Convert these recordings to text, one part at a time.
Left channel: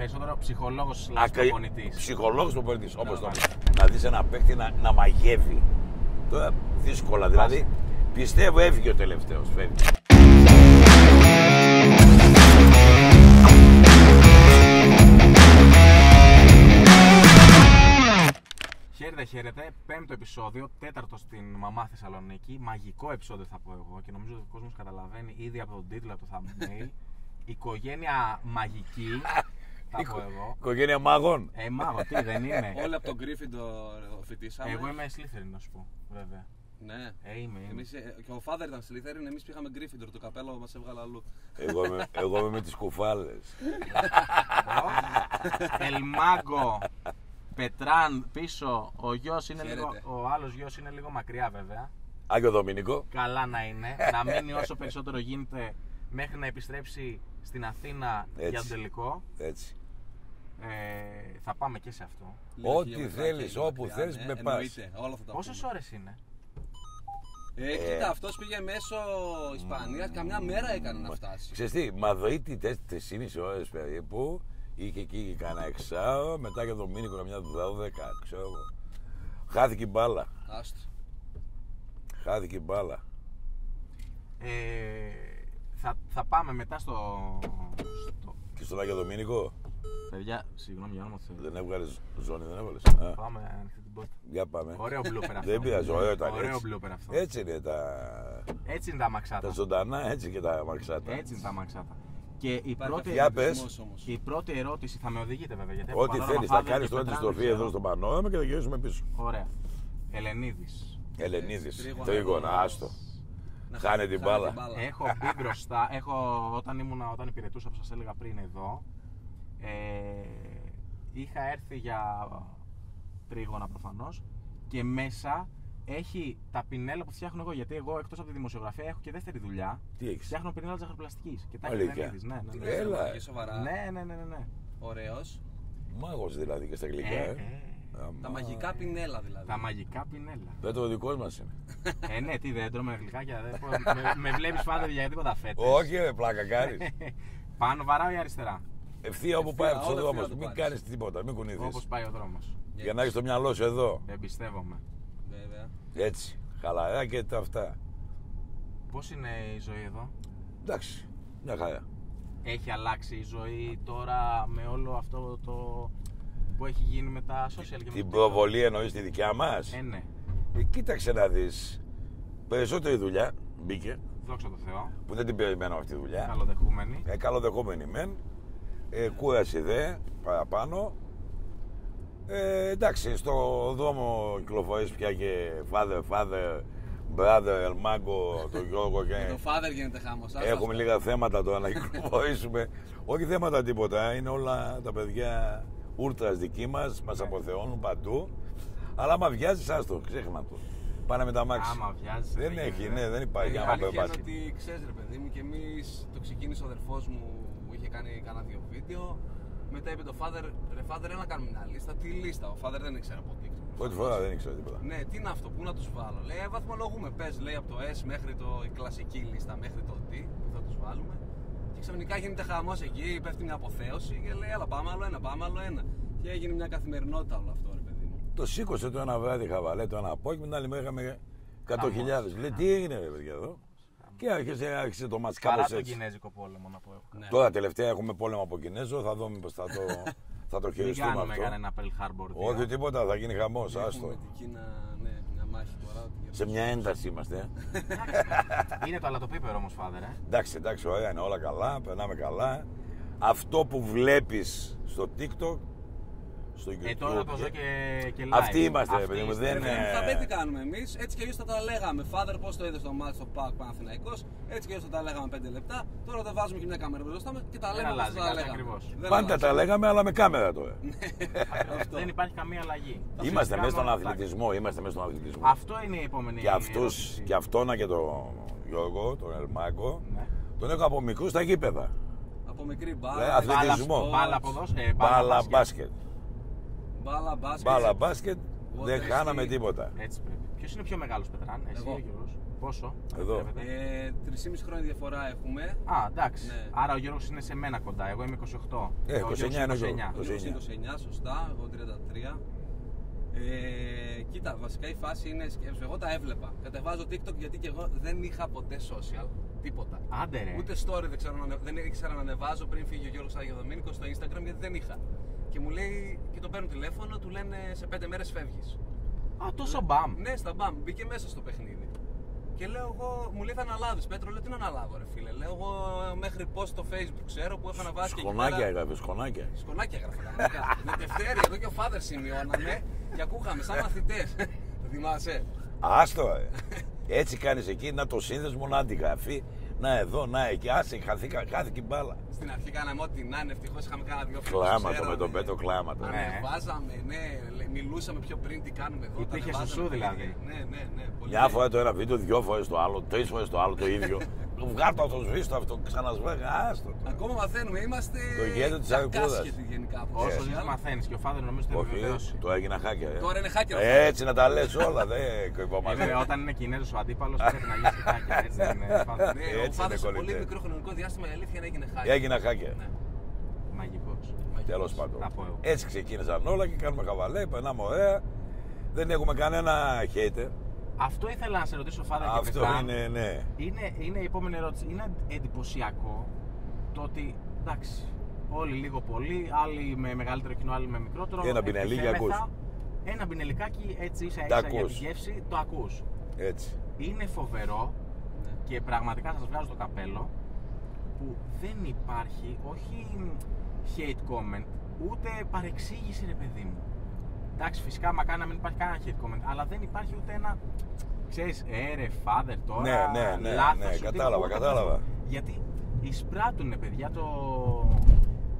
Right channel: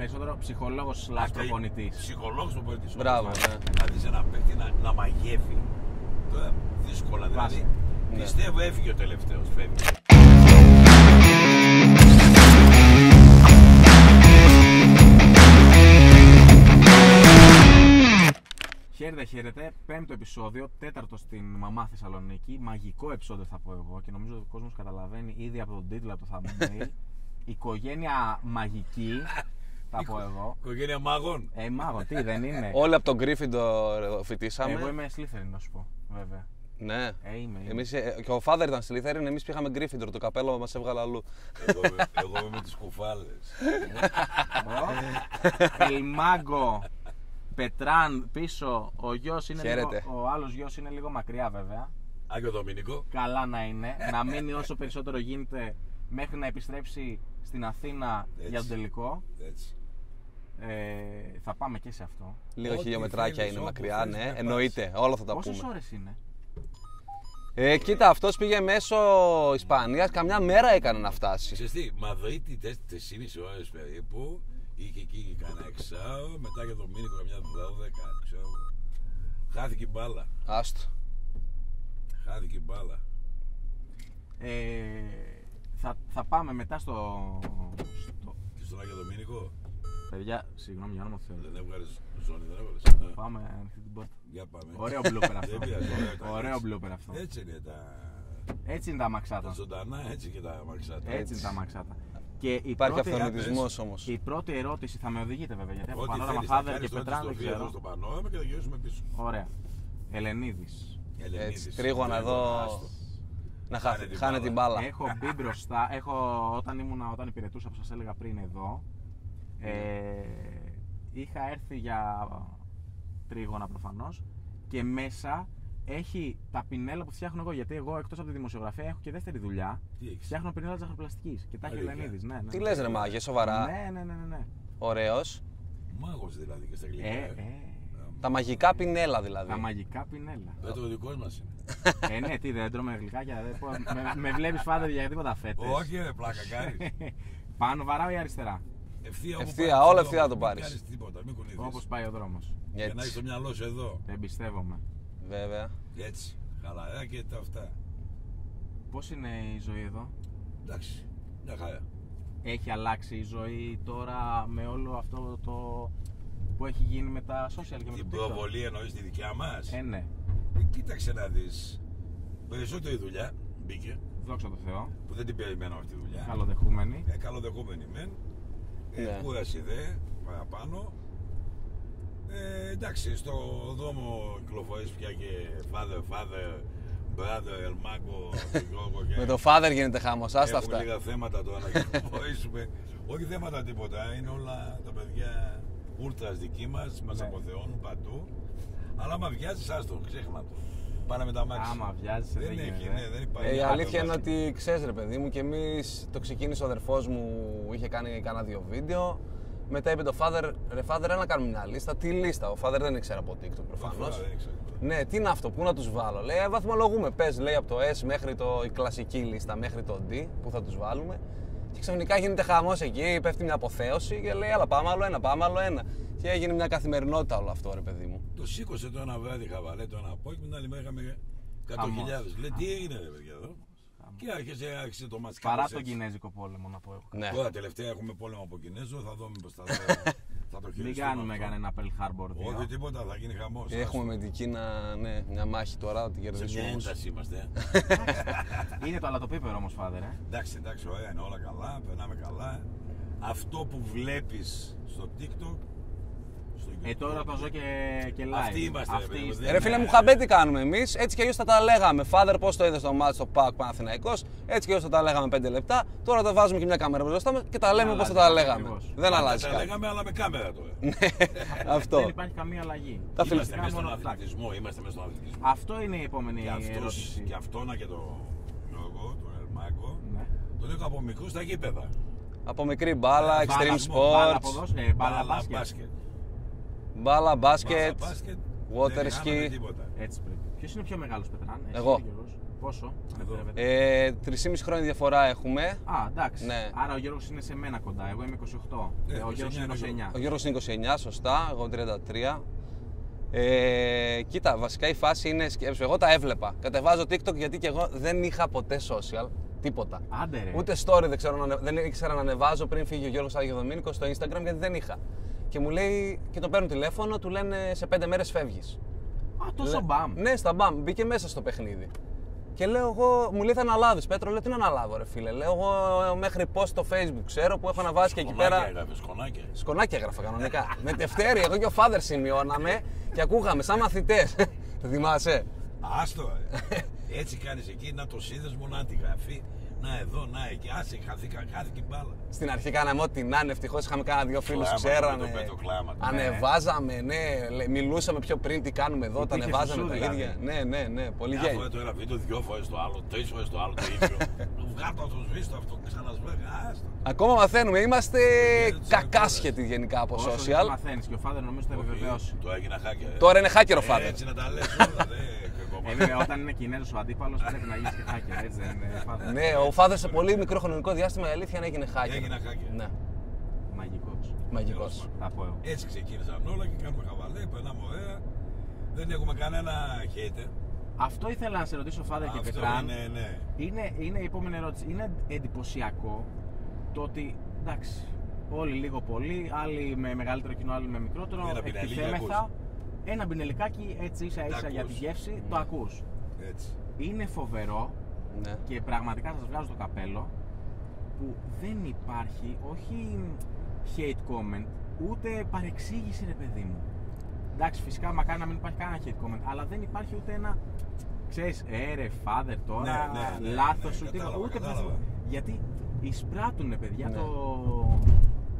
Περισσότερο ψυχολόγος προπονητής. Ψυχολόγος προπονητής. Μπράβο. Να δεις ένα παίκτη να μαγεύει. Τώρα δύσκολα δηλαδή. Πιστεύω έφυγε ο τελευταίος. Φεύγει. Χαίρετε, πέμπτο επεισόδιο, τέταρτο στην Μαμά Θεσσαλονίκη. Μαγικό επεισόδιο θα πω εγώ και νομίζω ότι ο κόσμος καταλαβαίνει ήδη από τον τίτλο, από το thumbnail. Οικογένεια μαγική, θα πω εγώ. Οικογένεια μάγων. Μάγο, τι δεν είναι. Όλοι από τον Gryffindor φοιτήσαμε. Εγώ είμαι Slytherin, να σου πω, βέβαια. Ναι. Είμαι. Εμείς, και ο Father ήταν Slytherin, εμείς πήγαμε Gryffindor, το καπέλο μας έβγαλε αλλού. Εγώ είμαι με τις κουφάλες. Ελμάγκο, Πετράν πίσω, ο γιος είναι λίγο, Χαίρετε. ο άλλος γιος είναι λίγο μακριά βέβαια. Άγιο Δομήνικο. Καλά να είναι, να μείνει όσο περισσότερο γίνεται μέχρι να επιστρέψει στην Αθήνα για τον τελικό. Έτσι. Θα πάμε και σε αυτό. Λίγο Ό,τι χιλιομετράκια θέλεις, είναι όπου μακριά, θέλεις, ναι, με πας. εννοείται, όλα θα τα Πόσες πούμε. ώρες είναι? Κοίτα, αυτός πήγε μέσω Ισπανίας, καμιά μέρα έκανε να φτάσει. Ξέρεις τι, Μαδρίτη 4,5 ώρες περίπου. Είχε εκεί κανένα εξάω, μετά για το Δομήνικο μια 12, ξέρω εγώ. Χάθηκε η μπάλα. Άστο. Χάθηκε η μπάλα. Θα πάμε μετά στο... Και στον Άγιο Δομήνικο Παιδιά, συγγνώμη για όνομα του Θεού. δεν έβγαλες ζώνη, δεν έβαλες. Πάμε ανοιχτή την πόρτα. Για πάμε. Ωραίο blooper αυτό. Δεν πειράζει, ωραίο ήταν. Ωραίο έτσι. blooper αυτό. Έτσι είναι Έτσι είναι τα αμαξάτα. τα ζωντανά, έτσι και τα μαξάτα. Έτσι είναι τα αμαξάτα. Και Υπάρχει αυτοματισμός όμως. η πρώτη ερώτηση θα με οδηγείτε βέβαια. Γιατί έχω Ό,τι Πανόραμα θέλεις θα Father κάνεις και τώρα τη Πετράν, δεν στροφή εδώ ξέρω. στο Πανόραμα και θα γυρίσουμε πίσω. Ωραία. Ελενίδης. Ελενίδης. Τρίγωνα εδώ. Άστο. Να Χάνε την μπάλα. Έχω μπει μπροστά. Όταν υπηρετούσα, όπως σας έλεγα πριν εδώ, είχα έρθει για τρίγωνα προφανώς και μέσα έχει τα πινέλα που φτιάχνω εγώ. Γιατί εγώ εκτός από τη δημοσιογραφία έχω και δεύτερη δουλειά. Τι έχεις? Φτιάχνω πινέλα ζαχαροπλαστικής και τα έχει Αλήθεια? Ελενίδης. Ναι. Τι λες ρε μάγε, σοβαρά. Ναι. Ωραίος. Μάγος δηλαδή και στα αγγλικά. Τα μαγικά πινέλα δηλαδή. Τα μαγικά πινέλα. Δεν το δικό μας είναι. Ναι, τι δεν τρώμε γλυκάκια. Με βλέπεις Father για τίποτα φέτες. Όχι ρε πλάκα κάνεις. Πάνω βαράω ή αριστερά? Ευθεία όπου Ευθεία, πάρεις όλα ο ευθεία δρόμος. το πάρεις. Μην κάνεις τίποτα, μην κουνηθείς. Όπως πάει ο δρόμος. Για να έχεις το μυαλό σου εδώ. Εμπιστεύομαι. Βέβαια. Έτσι. Χαλαρά και τα αυτά. Πώς είναι η ζωή εδώ? Εντάξει. Μια χαρά. Έχει αλλάξει η ζωή τώρα με όλο αυτό το που έχει γίνει με τα social και με Την το TikTok? προβολή εννοείς τη δικιά μας. Ναι. Κοίταξε να δεις. Περισσότερη δουλειά μπήκε. Δόξα τω Θεώ. Που δεν την περιμένω αυτή τη δουλειά. Καλοδεχούμενοι. Καλοδεχόμενη μεν. Κούραση δε παραπάνω. Εντάξει, στο δρόμο κυκλοφορείς πια και father, brother, Ελμάγκο, τον Γιώργο και... Με το Father γίνεται χάμος, άστα Έχουμε αυτά. λίγα θέματα τώρα να κυκλοφορήσουμε. Όχι θέματα τίποτα, είναι όλα τα παιδιά ούρτρας δικοί μας, μας αποθεώνουν παντού. Αλλά άμα βιάζεις, άστο, ξέχνα το. Πάνε με τα μάξι. Άμα βιάζεις, Δεν έχει, ναι, δεν υπάρχει. Η άλλο αλήθεια είναι μπάσκετ. ότι ξέρεις ρε παιδί μου, και εμείς το ξεκίνησε ο αδερφός μου, είχε κάνει κάνα 2 βίντεο. Μετά είπε το Father, ρε Father, έλα να κάνουμε μια λίστα. Τι λίστα? Ο Father δεν ήξερε από TikTok Πρώτη προφανώς. φορά δεν ήξερα τίποτα. Ναι, τι είναι αυτό, πού να τους βάλω? Λέει, βαθμολογούμε. Πες, λέει, από το S μέχρι η κλασική λίστα μέχρι το D, που θα τους βάλουμε. Και ξαφνικά γίνεται χαμός εκεί, πέφτει μια αποθέωση και λέει, έλα πάμε άλλο ένα, πάμε άλλο ένα. Και έγινε μια καθημερινότητα όλο αυτό, ρε παιδί μου. Το σήκωσε το ένα βράδυ χαβαλέ, το ένα απόγευμα, την άλλη μέρα είχαμε 100.000. Λέει, τι έγινε ρε παιδιά εδώ? Και άρχισε το μάτς Παρά κάπως τον έτσι. Κινέζικο πόλεμο να πω εγώ. Ναι. Τώρα τελευταία έχουμε πόλεμο από Κινέζο, θα δω μήπως θα το Μην χειριστούμε κάνουμε αυτό. κανένα Pearl Harbor. Όχι τίποτα, θα γίνει χαμός. Έχουμε με την Κίνα, ναι, μια μάχη τώρα, την Σε κερδίσουμε. μια ένταση είμαστε. Είναι το αλατοπίπερο όμως, Father. Εντάξει, ωραία είναι όλα καλά, περνάμε καλά. Αυτό που βλέπεις στο TikTok, στο YouTube. Τώρα το ζω και live. Αυτοί είμαστε, Αυτοί ρε παιδί μου, είστε. δεν Ρε φίλε μου, χαμπέτι κάνουμε εμείς, έτσι κι αλλιώς θα τα λέγαμε. Father, πώς το είδες στο μάτι στο ΠΑΟΚ Παναθηναϊκός, έτσι κι αλλιώς θα τα λέγαμε 5 λεπτά. Τώρα τα βάζουμε και μια κάμερα μπροστά μας και τα λέμε πώς θα τα αλλάζει, λέγαμε. ακριβώς. Δεν Πάντα αλλάζει. τα λέγαμε, αλλά με κάμερα τώρα. Αυτό. Δεν υπάρχει καμία αλλαγή. Τα Είμαστε φυσικά μέσα στον μόνο τα- αθλητισμό, είμαστε μέσα στον αθλητισμό. Αυτό είναι η επόμενη Και αυτούς, ερώτηση. και αυτόνα και τον Γιώργο, τον Ελμάκο, Ναι. τον έχω από μικρού στα γήπεδα. Από μικρή μπάλα, extreme αθλητισμό, Μπάλα sports, ποδόσφαιρο, Μπάλα μπάσκετ. μπάλα Μπάλα μπάσκετ. μπάσκετ, water δεν χάναμε ski. τίποτα. Έτσι πρέπει. Ποιος είναι πιο μεγάλος, Πετράν? Εσύ Εγώ. ή ο Γιώργος? Πόσο? Εδώ. 3,5 χρόνια διαφορά έχουμε. Α, εντάξει. Ναι. Άρα ο Γιώργος είναι σε μένα κοντά. Εγώ είμαι 28. Ο 29 Γιώργος είναι 29. Ο Γιώργος είναι 29, σωστά, εγώ 33. Κοίτα, βασικά η φάση είναι, εγώ τα έβλεπα. Κατεβάζω TikTok γιατί και εγώ δεν είχα ποτέ social, τίποτα. Άντε ρε. Ούτε story δεν ήξερα να ανεβάζω πριν φύγει ο Γιώργος Αγιοδομήνικος στο Instagram γιατί δεν είχα. Και μου λέει, και τον παίρνω τηλέφωνο, του λένε σε 5 μέρες φεύγεις. Α, τόσο μπαμ. Ναι, στα μπαμ, μπήκε μέσα στο παιχνίδι. Και λέω εγώ, μου λέει θα αναλάβεις Πέτρο, λέω τι να αναλάβω ρε φίλε. Λέω εγώ μέχρι post στο Facebook ξέρω που έχω αναβάσει και εκεί πέρα. Σκονάκια. Σκονάκια έγραφα κανονικά. Με τευτέρι, εγώ και ο Father σημειώναμε και ακούγαμε σαν μαθητές. Το θυμάσαι. Άστο. Έτσι κάνεις εκεί, να το σύνδεσμο, να την γραφή. Να εδώ, να εκεί. Άσε, χάθηκε η μπάλα. Στην αρχή κάναμε ό,τι να είναι. Ευτυχώς είχαμε κάνα δύο φίλους που Κλάματα ξέρανε. με το πέτο, κλάματα. Ανεβάζαμε, ναι. Μιλούσαμε πιο πριν τι κάνουμε εδώ. Τα Υπήρχε ανεβάζαμε σουσού, τα ίδια. δηλαδή. Ναι. Πολύ Μια φορά το ένα βίντεο, 2 φορές το άλλο, 3 φορές το άλλο το ίδιο. Βγάλω αυτό, σβήστο αυτό, ξανασβέγα. Άστο. Ακόμα μαθαίνουμε. Είμαστε γέννη της κακάσχετοι γενικά από Όσο social. μαθαίνεις και ο Father νομίζω το επιβεβαιώσει. Το έγινα χάκια. Τώρα είναι hacker ο Father. Έτσι να τα λες όλα. Βέβαια, όταν είναι Κινέζος ο αντίπαλος πρέπει να γίνει και hacker, έτσι δεν είναι Father? Ναι, ο Father σε πολύ μικρό χρονικό διάστημα η αλήθεια είναι έγινε hacker. Έγινα χάκια. Ναι. Μαγικός. Τέλος πάντων. Θα πω εγώ. Έτσι ξεκίνησαν όλα και κάνουμε χαβαλέ, περνάμε ωραία. Δεν έχουμε κανένα hater. Αυτό ήθελα να σε ρωτήσω, Father και Αυτό Πετράν. είναι, ναι. Είναι η επόμενη ερώτηση. Είναι εντυπωσιακό το ότι εντάξει, όλοι λίγο πολύ, άλλοι με μεγαλύτερο κοινό, άλλοι με μικρότερο. Ένα πινελίκι εκτιθέμεθα. Ένα πινελικάκι έτσι ίσα ίσα για τη γεύση, το ακούς. Έτσι. Είναι φοβερό Ναι. και πραγματικά σας βγάζω το καπέλο που δεν υπάρχει όχι hate comment, ούτε παρεξήγηση ρε παιδί μου. Εντάξει, φυσικά μακάρι να μην υπάρχει κανένα hate comment, αλλά δεν υπάρχει ούτε ένα, ξέρεις, ρε Father τώρα, Ναι, λάθος σου, κατάλαβα, ούτε κατάλαβα. αυτό. Γιατί εισπράττουνε παιδιά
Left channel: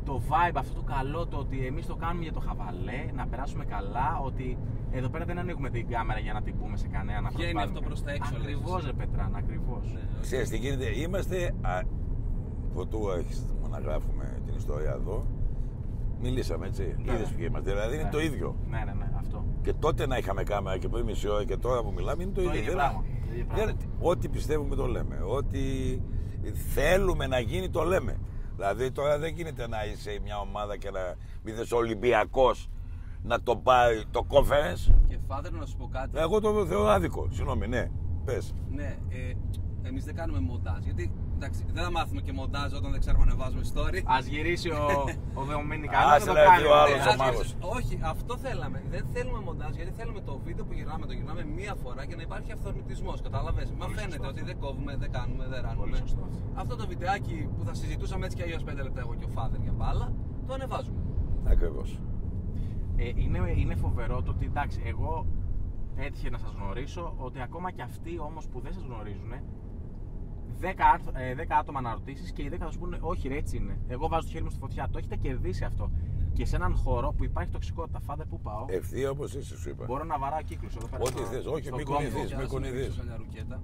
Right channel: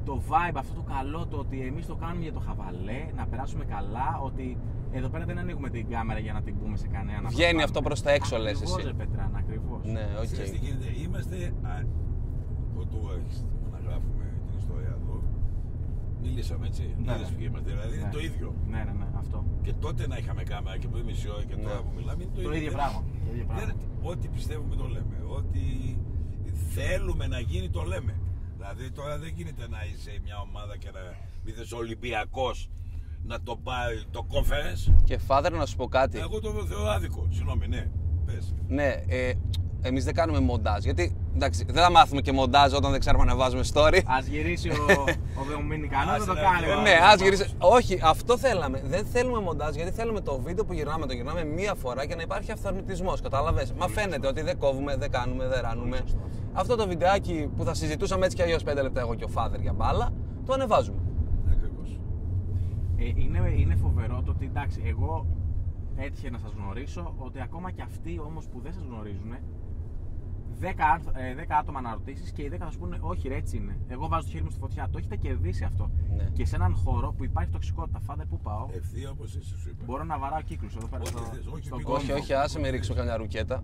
το vibe αυτό το καλό, το ότι εμείς το κάνουμε για το χαβαλέ, να περάσουμε καλά, ότι εδώ πέρα δεν ανοίγουμε την κάμερα για να την πούμε σε κανέναν. Βγαίνει αυτό προς τα έξω, λες Ακριβώς εσύ. ρε Πετράν, ακριβώς. Ναι, οκ. Ξέρεις τι γίνεται, είμαστε. Πρωτού έχεις να γράφουμε την ιστορία εδώ. Μιλήσαμε έτσι. Ναι. Είδες ποιοι είμαστε. Δηλαδή είναι Ναι. το ίδιο. Ναι, αυτό. Και τότε να είχαμε κάμερα και πριν μισή ώρα και τώρα που μιλάμε είναι το ίδιο. ίδιο πράγμα. Ό,τι πιστεύουμε το λέμε. Ό,τι θέλουμε να γίνει το λέμε. Δηλαδή τώρα δεν γίνεται να είσαι μια ομάδα και να μην θες Ολυμπιακός να το πάρει το conference. Και Father, να σου πω κάτι. Εγώ το θεωρώ άδικο. Συγγνώμη, ναι. Πες. Ναι, εμείς δεν κάνουμε μοντάζ. Γιατί εντάξει, δεν θα μάθουμε και μοντάζ όταν δεν ξέρουμε να βάζουμε story. Ας γυρίσει ο Δομήνικανός, Άσε δεν το να κάνει. δει ο άλλος. Ναι, ο ας γυρίσει. μάγος. Όχι, αυτό θέλαμε. Δεν θέλουμε μοντάζ γιατί θέλουμε το βίντεο που γυρνάμε, το γυρνάμε μία φορά και να υπάρχει αυθορμητισμός. Κατάλαβες. Μα φαίνεται ότι δεν κόβουμε, δεν κάνουμε, δεν ράνουμε. Πολύ σωστό. Αυτό το βιντεάκι που θα συζητούσαμε έτσι κι αλλιώς 5 λεπτά εγώ και ο Father για μπάλα, το ανεβάζουμε. Ακριβώς. Είναι φοβερό το ότι εντάξει, εγώ έτυχε να σας γνωρίσω, ότι ακόμα και αυτοί όμως που δεν σας γνωρίζουν, 10 άτομα να ρωτήσεις και οι 10 θα σου πούνε όχι ρε, έτσι είναι. Εγώ βάζω το χέρι μου στη φωτιά. Το έχετε κερδίσει αυτό. Ναι. Και σε έναν χώρο που υπάρχει τοξικότητα, Father, πού πάω, Ευθεία όπως είσαι, σου είπα. μπορώ να βαράω κύκλους εδώ πέρα. Ό,τι θες, όχι, στον μην κόσμο. Όχι, όχι, άσε με ρίξω καμιά ρουκέτα.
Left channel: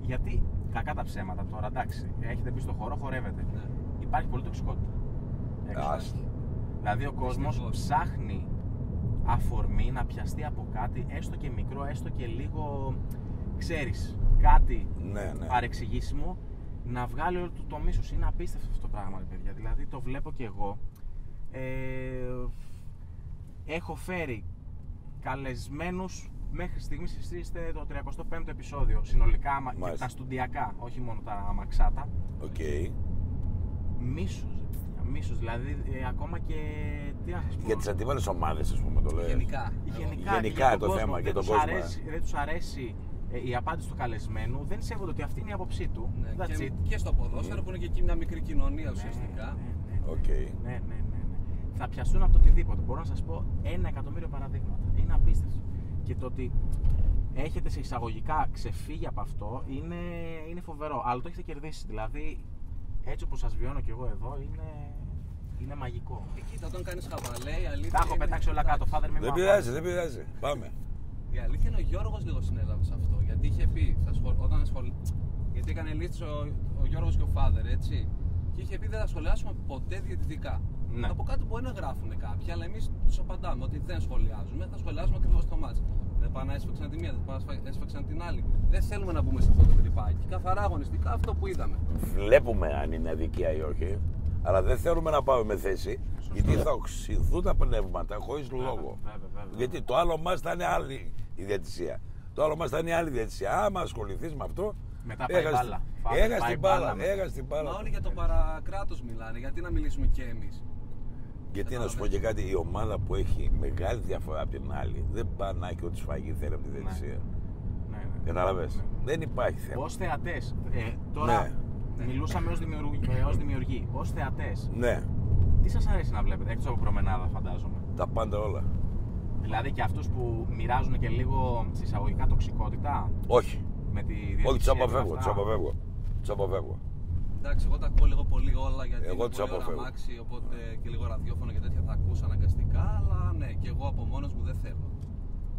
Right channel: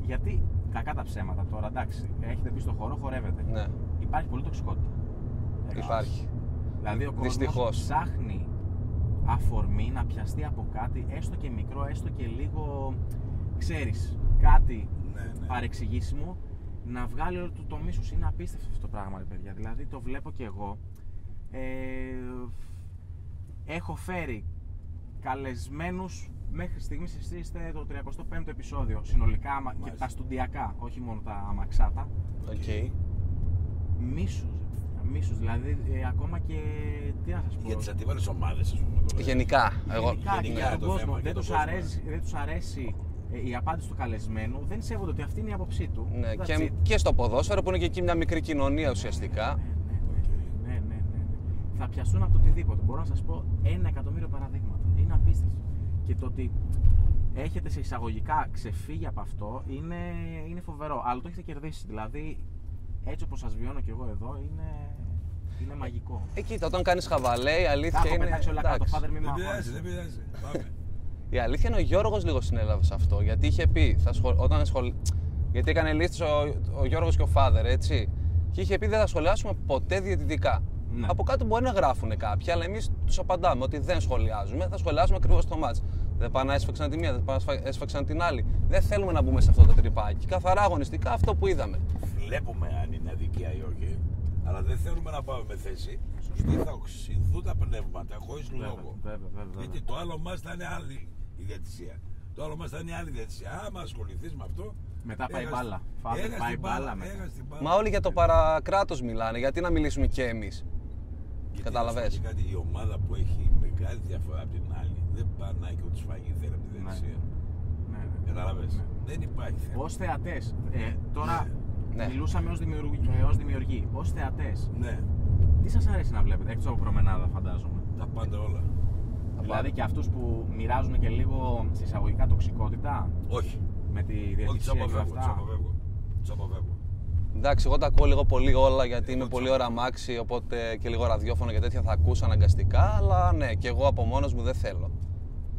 Γιατί κακά τα ψέματα τώρα, εντάξει, έχετε μπει στο χώρο, χορεύετε. Ναι, Υπάρχει πολύ τοξικότητα. υπάρχει. Δηλαδή ο κόσμος Δυστυχώς. ψάχνει αφορμή να πιαστεί από κάτι, έστω και μικρό, έστω και λίγο, ξέρεις, κάτι Ναι. παρεξηγήσιμο, να βγάλει όλο το μίσος. Είναι απίστευτο αυτό το πράγμα, ρε παιδιά. Δηλαδή το βλέπω και εγώ. Έχω φέρει καλεσμένους, μέχρι στιγμής εσείς είστε το 35ο επεισόδιο συνολικά, και Μάλιστα. τα στουντιακά, όχι μόνο τα αμαξάτα. Οκ. Μίσος, δηλαδή ακόμα και, τι να σας πω. Για τις αντίβαλες ομάδες, ας πούμε, το λέω. Γενικά. Εγώ, γενικά για τον το κόσμο. θέμα, για Δεν τον τους κόσμο, δεν τους αρέσει η απάντηση του καλεσμένου, δεν σέβονται ότι αυτή είναι η άποψή του. ναι, That's it. και στο ποδόσφαιρο που είναι και εκεί μια μικρή κοινωνία ουσιαστικά. Οκ. Ναι. Θα πιαστούν από το οτιδήποτε. Μπορώ να σας πω 1.000.000 παραδείγματα. Είναι απίστευτο. Και το ότι έχετε σε εισαγωγικά ξεφύγει από αυτό είναι φοβερό. Αλλά το έχετε κερδίσει. Δηλαδή, έτσι όπως σας βιώνω κι εγώ εδώ, είναι μαγικό. Κοίτα, όταν κάνεις χαβαλέ, η αλήθεια Τα έχω είναι. πετάξει όλα κάτω. εντάξει. Father, μην Δεν με πειράζει, αγχώνεις. δεν πειράζει. Πάμε. Η αλήθεια είναι ο Γιώργος λίγο συνέλαβε σε αυτό. Γιατί είχε πει, γιατί έκανε λίστες ο Γιώργος και ο Father, έτσι. Και είχε πει δεν θα σχολιάσουμε ποτέ διαιτητικά. Ναι. Από κάτω μπορεί να γράφουν κάποιοι, αλλά εμείς τους απαντάμε ότι δεν σχολιάζουμε, θα σχολιάζουμε ακριβώς το μάτς. Δεν πάνε να έσφαξαν τη μία, δεν πάνε να έσφαξαν την άλλη. Δεν θέλουμε να μπούμε σε αυτό το τρυπάκι. Καθαρά αγωνιστικά αυτό που είδαμε. Βλέπουμε αν είναι αδικία ή όχι, αλλά δεν θέλουμε να πάμε με θέση. Γιατί θα οξυδούν τα πνεύματα χωρίς λόγο. Γιατί το άλλο μας θα είναι άλλη η διαιτησία. Το άλλο μας θα είναι άλλη διαιτησία. Άμα ασχοληθείς με αυτό. Μετά πάει μπάλα. Έχασε την μπάλα. Μα όλοι για το παρακράτος μιλάνε. Γιατί να μιλήσουμε και εμείς. Γιατί να σου πω και κάτι, η ομάδα που έχει μεγάλη διαφορά από την άλλη δεν πάει να έχει ό,τι σφαγή θέλει από τη διαιτησία. Καταλαβες. Δεν υπάρχει θέμα. Ως θεατές, τώρα μιλούσαμε ως δημιουργοί. Ως θεατές, τι σας αρέσει να βλέπετε, εκτός από προμενάδα φαντάζομαι? Τα πάντα όλα. Δηλαδή και αυτούς που μοιράζουν και λίγο συσσαγωγικά τοξικότητα. Όχι. Με τη διαιτησία. Όχι, τους αποφεύγω. Εντάξει, εγώ τα ακούω λίγο πολύ όλα γιατί είναι πολύ ώρα μάξι, οπότε και λίγο ραδιόφωνο και τέτοια θα ακούσω αναγκαστικά. Αλλά ναι, και εγώ από μόνος μου δεν θέλω.